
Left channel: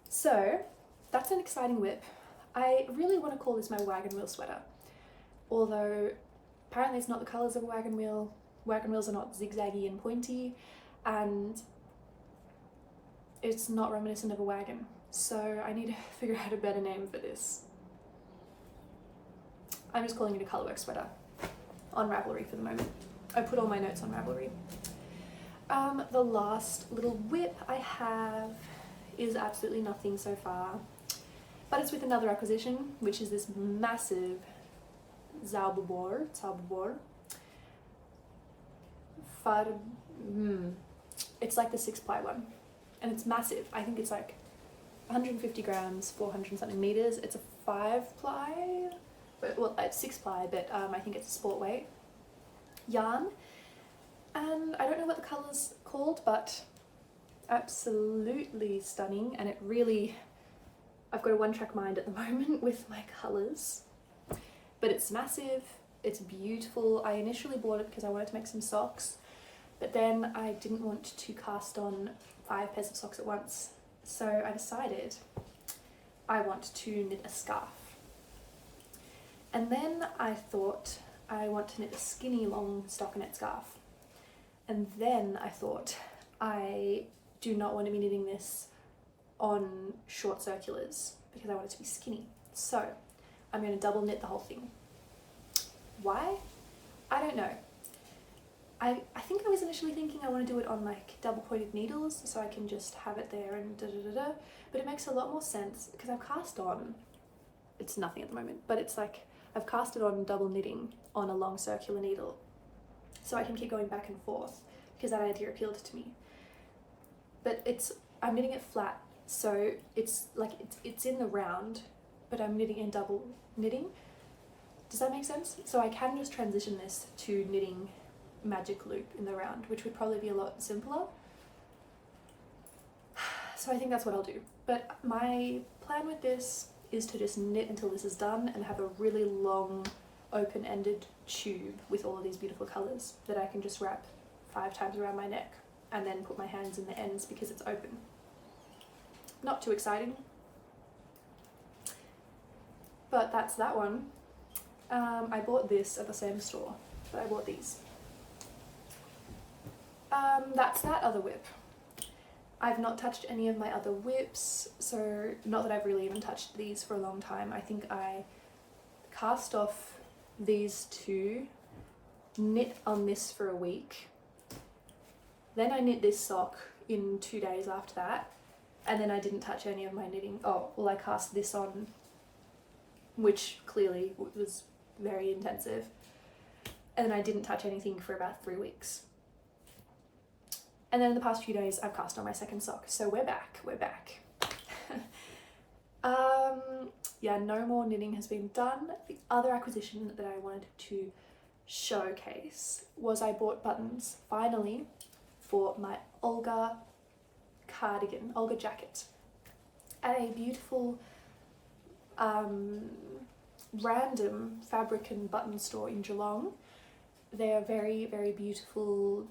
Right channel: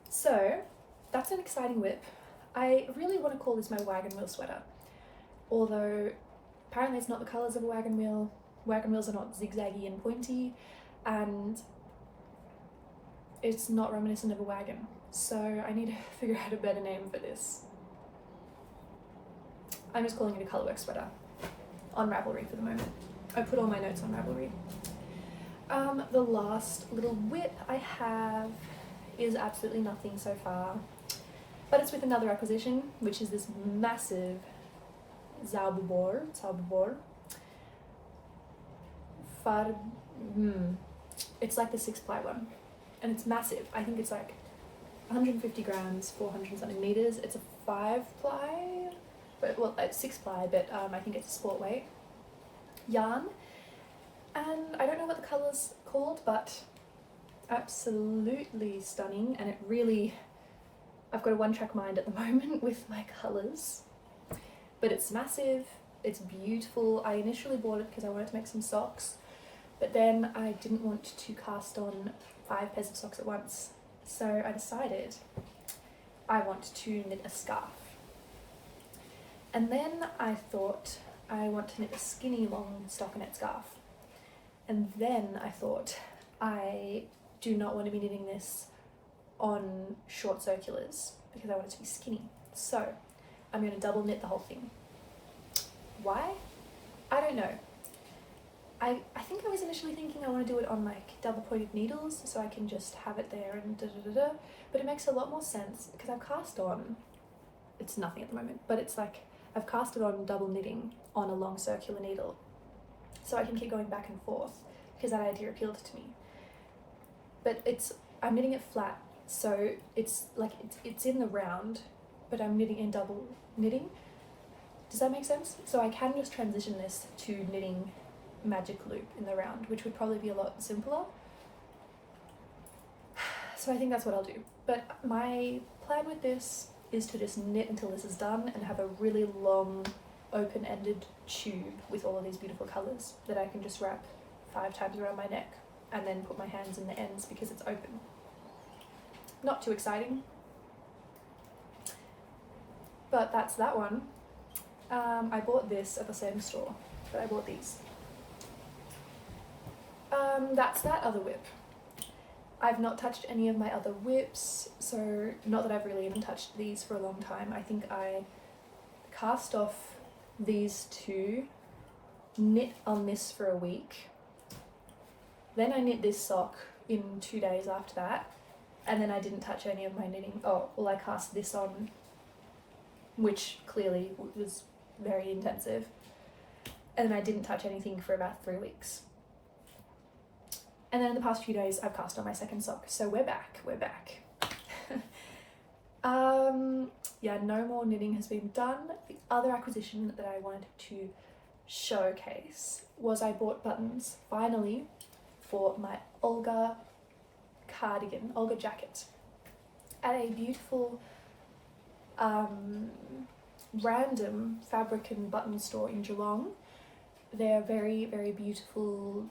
So that's an exciting whip. I really want to call this my wagon wheel sweater, although apparently it's not the colours of a wagon wheel. Wagon wheels are not zigzaggy and pointy, and it's not reminiscent of a wagon. So I need to figure out a better name for this. I'm just calling it a colourwork sweater on Ravelry for the moment. I put all my notes on Ravelry. The last little whip I have is absolutely nothing so far, but it's with another acquisition, which is this massive zauberball. It's like the 6-ply one, and it's massive. I think it's like 150 grams, 400 something meters. It's a 5-ply, but well, it's 6-ply, but I think it's a sport weight yarn. And I don't know what the colour's called, but absolutely stunning, and it really I've got a one-track mind at the moment with my colours, but it's massive, it's beautiful. I initially bought it because I wanted to make some socks, but then I didn't want to cast on 5 pairs of socks at once, so I decided I want to knit a scarf. And then I thought I want to knit a skinny long stockinette scarf. And then I thought I do not want to be knitting this on short circulars because I want it to be skinny. So I'm going to double knit the whole thing. Why? I don't know. I think I was initially thinking I want to do it on like double pointed needles so I can just have it there and da-da-da-da, but it makes a lot more sense because I've cast on, it's nothing at the moment, but it's like I've cast it on double knitting on a long circular needle so I can keep going back and forth because that idea appealed to me. But I'm knitting it flat, so it's like it's in the round, but I'm knitting in double knitting. Does that make sense? So I can just transition this to knitting magic loop in the round, which would probably be a lot simpler. So I think that's what I'll do. But my plan with this is to just knit until this is done and have a really long open-ended tube with all of these beautiful colours that I can just wrap 5 times around my neck and then put my hands in the ends because it's open. Not too exciting, but that's that one. I bought this at the same store, but I bought these. That's that other whip. I've not touched any of my other whips, so not that I've really even touched these for a long time. I think I cast off these 2, knit on this for a week, then I knit this sock in 2 days after that, and then I didn't touch any of my knitting. Oh, well, I cast this on, which clearly was very intensive, and then I didn't touch anything for about 3 weeks. And then in the past few days, I've cast on my second sock. So we're back. Yeah, no more knitting has been done. The other acquisition that I wanted to showcase was I bought buttons, finally, for my Olga cardigan, Olga jacket, at a beautiful random fabric and button store in Geelong. They're very, very beautiful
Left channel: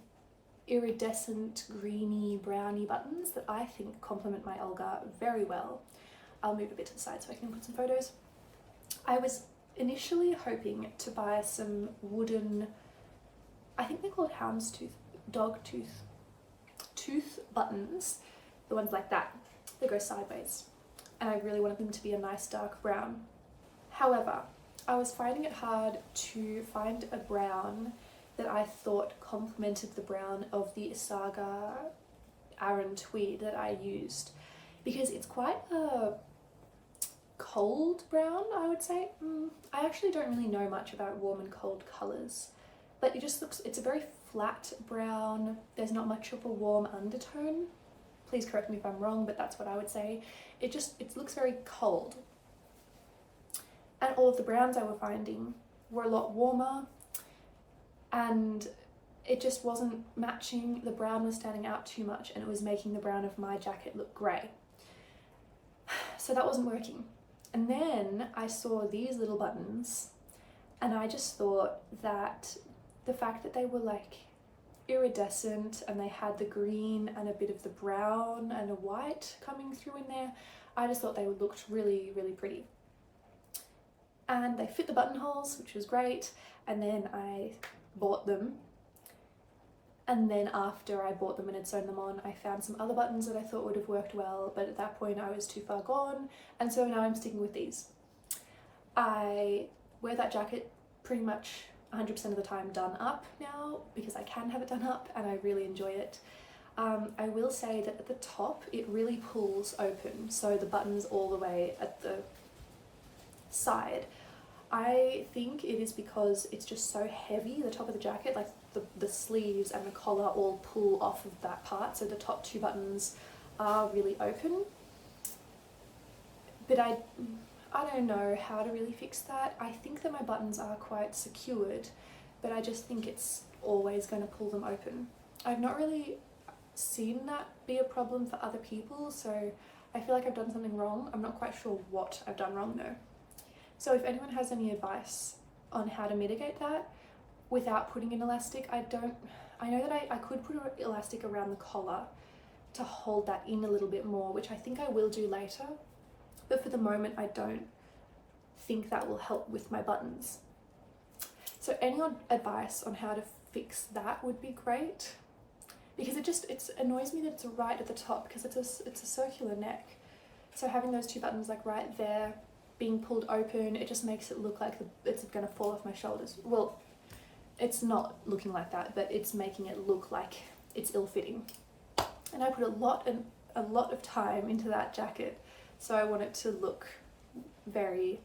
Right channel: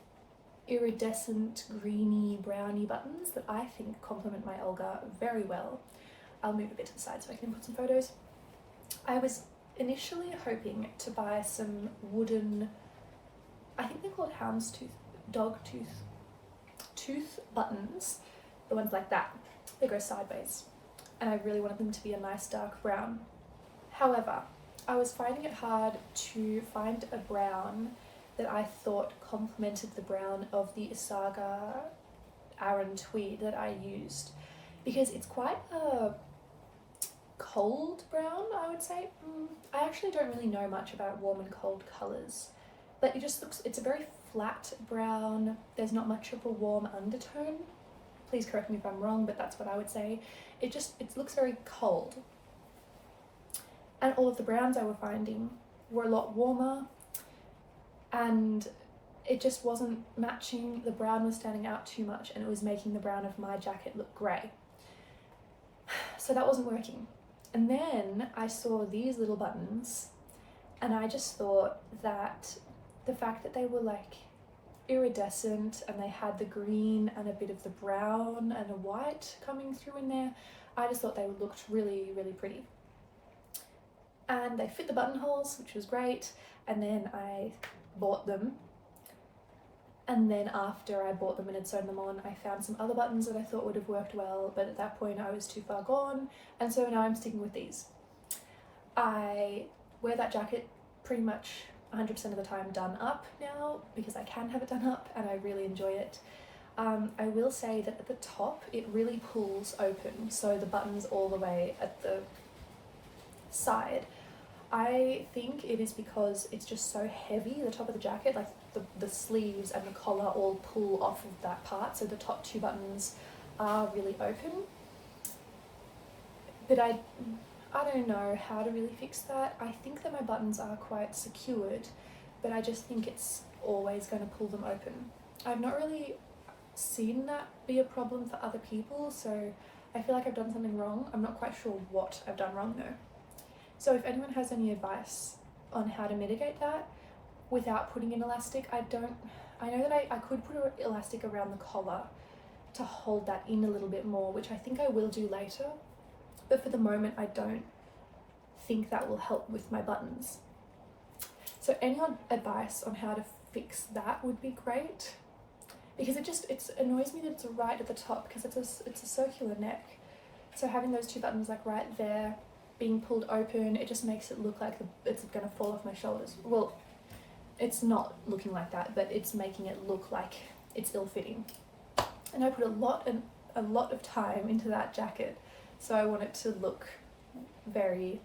iridescent greeny browny buttons that I think complement my Olga very well. I'll move a bit to the side so I can put some photos. I was initially hoping to buy some wooden, I think they're called dog tooth buttons, the ones like that. They go sideways, and I really wanted them to be a nice dark brown. However, I was finding it hard to find a brown that I thought complemented the brown of the isager Aran tweed that I used, because it's quite a cold brown, I would say. I actually don't really know much about warm and cold colours, but it just looks, it's a very flat brown. There's not much of a warm undertone. Please correct me if I'm wrong, but that's what I would say. It looks very cold. And all of the browns I were finding were a lot warmer, and it just wasn't matching. The brown was standing out too much, and it was making the brown of my jacket look grey. So that wasn't working. And then I saw these little buttons, and I just thought that the fact that they were like iridescent and they had the green and a bit of the brown and the white coming through in there, I just thought they looked really, really pretty. And they fit the buttonholes, which was great. And then I bought them. And then after I bought them and had sewn them on, I found some other buttons that I thought would have worked well, but at that point I was too far gone. And so now I'm sticking with these. I wear that jacket pretty much 100% of the time done up now, because I can have it done up and I really enjoy it. I will say that at the top it really pulls open, so the buttons all the way at the side. I think it is because it's just so heavy, the top of the jacket, like the sleeves and the collar all pull off of that part, so the top 2 buttons are really open. But I don't know how to really fix that. I think that my buttons are quite secured, but I just think it's always going to pull them open. I've not really seen that be a problem for other people, so I feel like I've done something wrong. I'm not quite sure what I've done wrong though. So if anyone has any advice on how to mitigate that without putting in elastic, I know that I could put an elastic around the collar to hold that in a little bit more, which I think I will do later, but for the moment I don't think that will help with my buttons. So any advice on how to fix that would be great, because it annoys me that it's right at the top, because it's a circular neck, so having those two buttons like right there being pulled open, it just makes it look like it's gonna fall off my shoulders. Well, it's not looking like that, but it's making it look like it's ill-fitting. And I put a lot of time into that jacket, so I want it to look very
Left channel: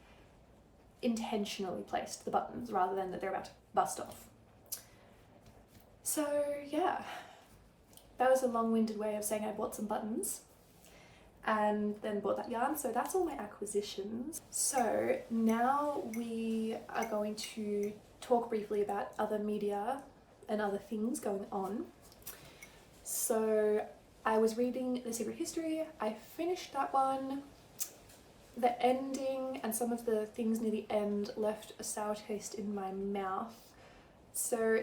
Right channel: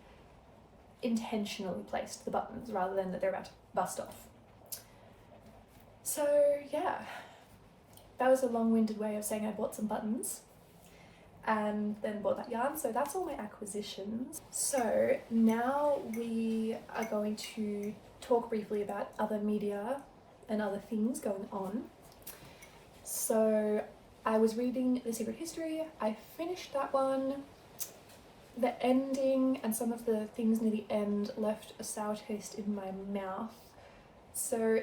intentionally placed, the buttons, rather than that they're about to bust off. So yeah, that was a long-winded way of saying I bought some buttons and then bought that yarn. So that's all my acquisitions. So now we are going to talk briefly about other media and other things going on. So I was reading The Secret History. I finished that one. The ending and some of the things near the end left a sour taste in my mouth. So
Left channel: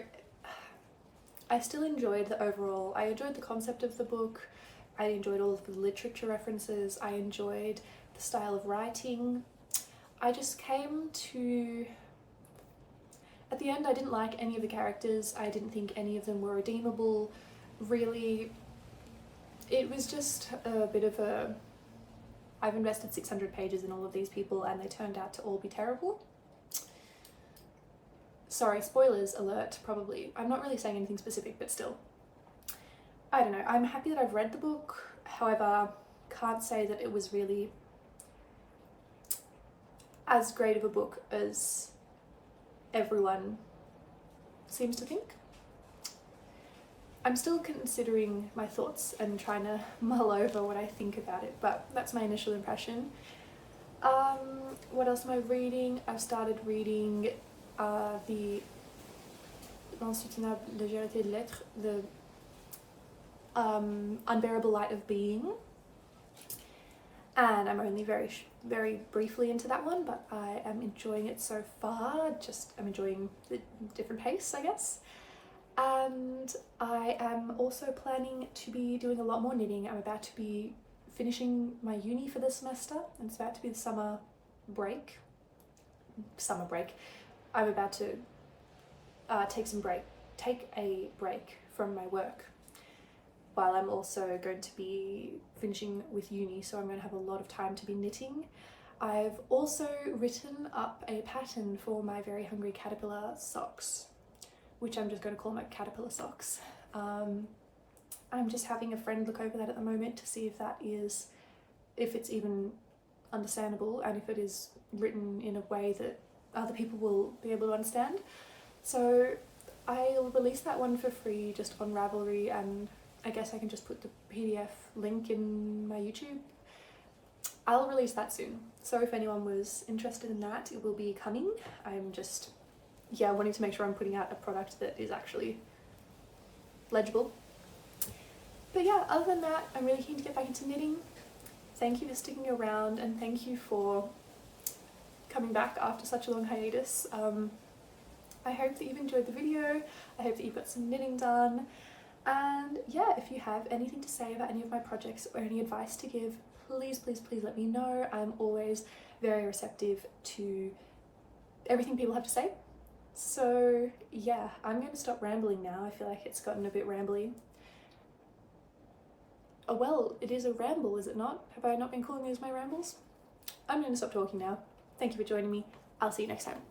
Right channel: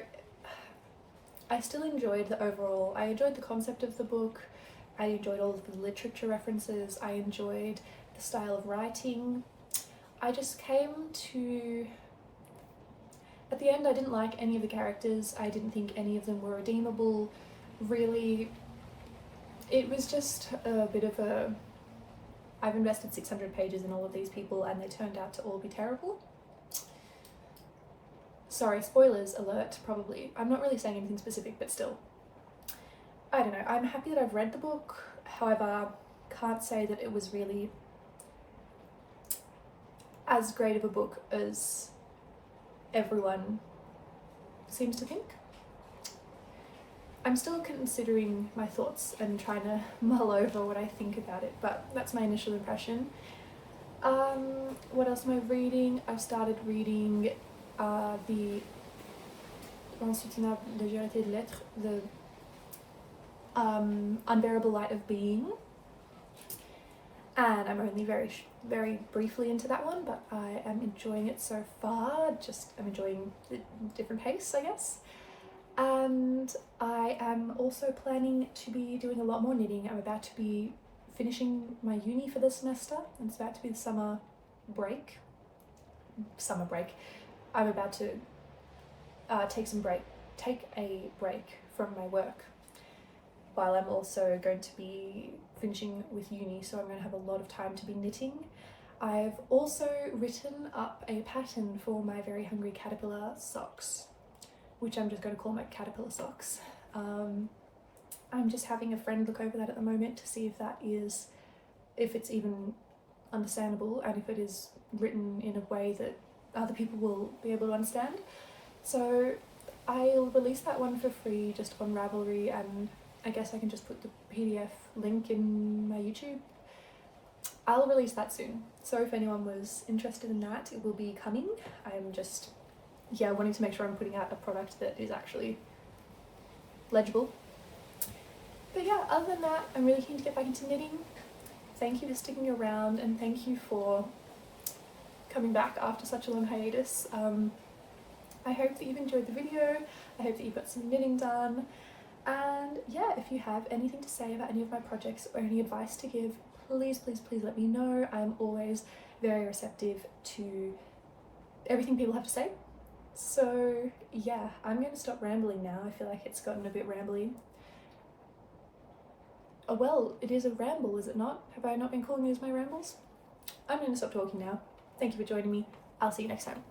I still enjoyed I enjoyed the concept of the book. I enjoyed all of the literature references. I enjoyed the style of writing. I just came to, at the end I didn't like any of the characters. I didn't think any of them were redeemable. Really, it was just a bit of I've invested 600 pages in all of these people and they turned out to all be terrible. Sorry, spoilers alert, probably. I'm not really saying anything specific, but still. I don't know, I'm happy that I've read the book, however, can't say that it was really as great of a book as everyone seems to think. I'm still considering my thoughts and trying to mull over what I think about it, but that's my initial impression. What else am I reading? I've started reading the Unbearable Light of Being, and I'm only very briefly into that one, but I am enjoying it so far. I'm enjoying the different pace, I guess. And I am also planning to be doing a lot more knitting. I'm about to be finishing my uni for the semester, and it's about to be the summer break. I'm about to take a break from my work, while I'm also going to be finishing with uni, so I'm going to have a lot of time to be knitting. I've also written up a pattern for my Very Hungry Caterpillar socks, which I'm just going to call my caterpillar socks. I'm just having a friend look over that at the moment to see if it's even understandable and if it is written in a way that other people will be able to understand. So I'll release that one for free just on Ravelry, and I guess I can just put the PDF link in my YouTube. I'll release that soon. So if anyone was interested in that, it will be coming. I'm just, wanting to make sure I'm putting out a product that is actually legible. But yeah, other than that, I'm really keen to get back into knitting. Thank you for sticking around, and thank you for coming back after such a long hiatus. I hope that you've enjoyed the video. I hope that you've got some knitting done. And yeah, if you have anything to say about any of my projects or any advice to give, please let me know. I'm always very receptive to everything people have to say. So yeah, I'm going to stop rambling now. I feel like it's gotten a bit rambly. Oh well, it is a ramble, is it not? Have I not been calling these my rambles? I'm going to stop talking now. Thank you for joining me. I'll see you next time.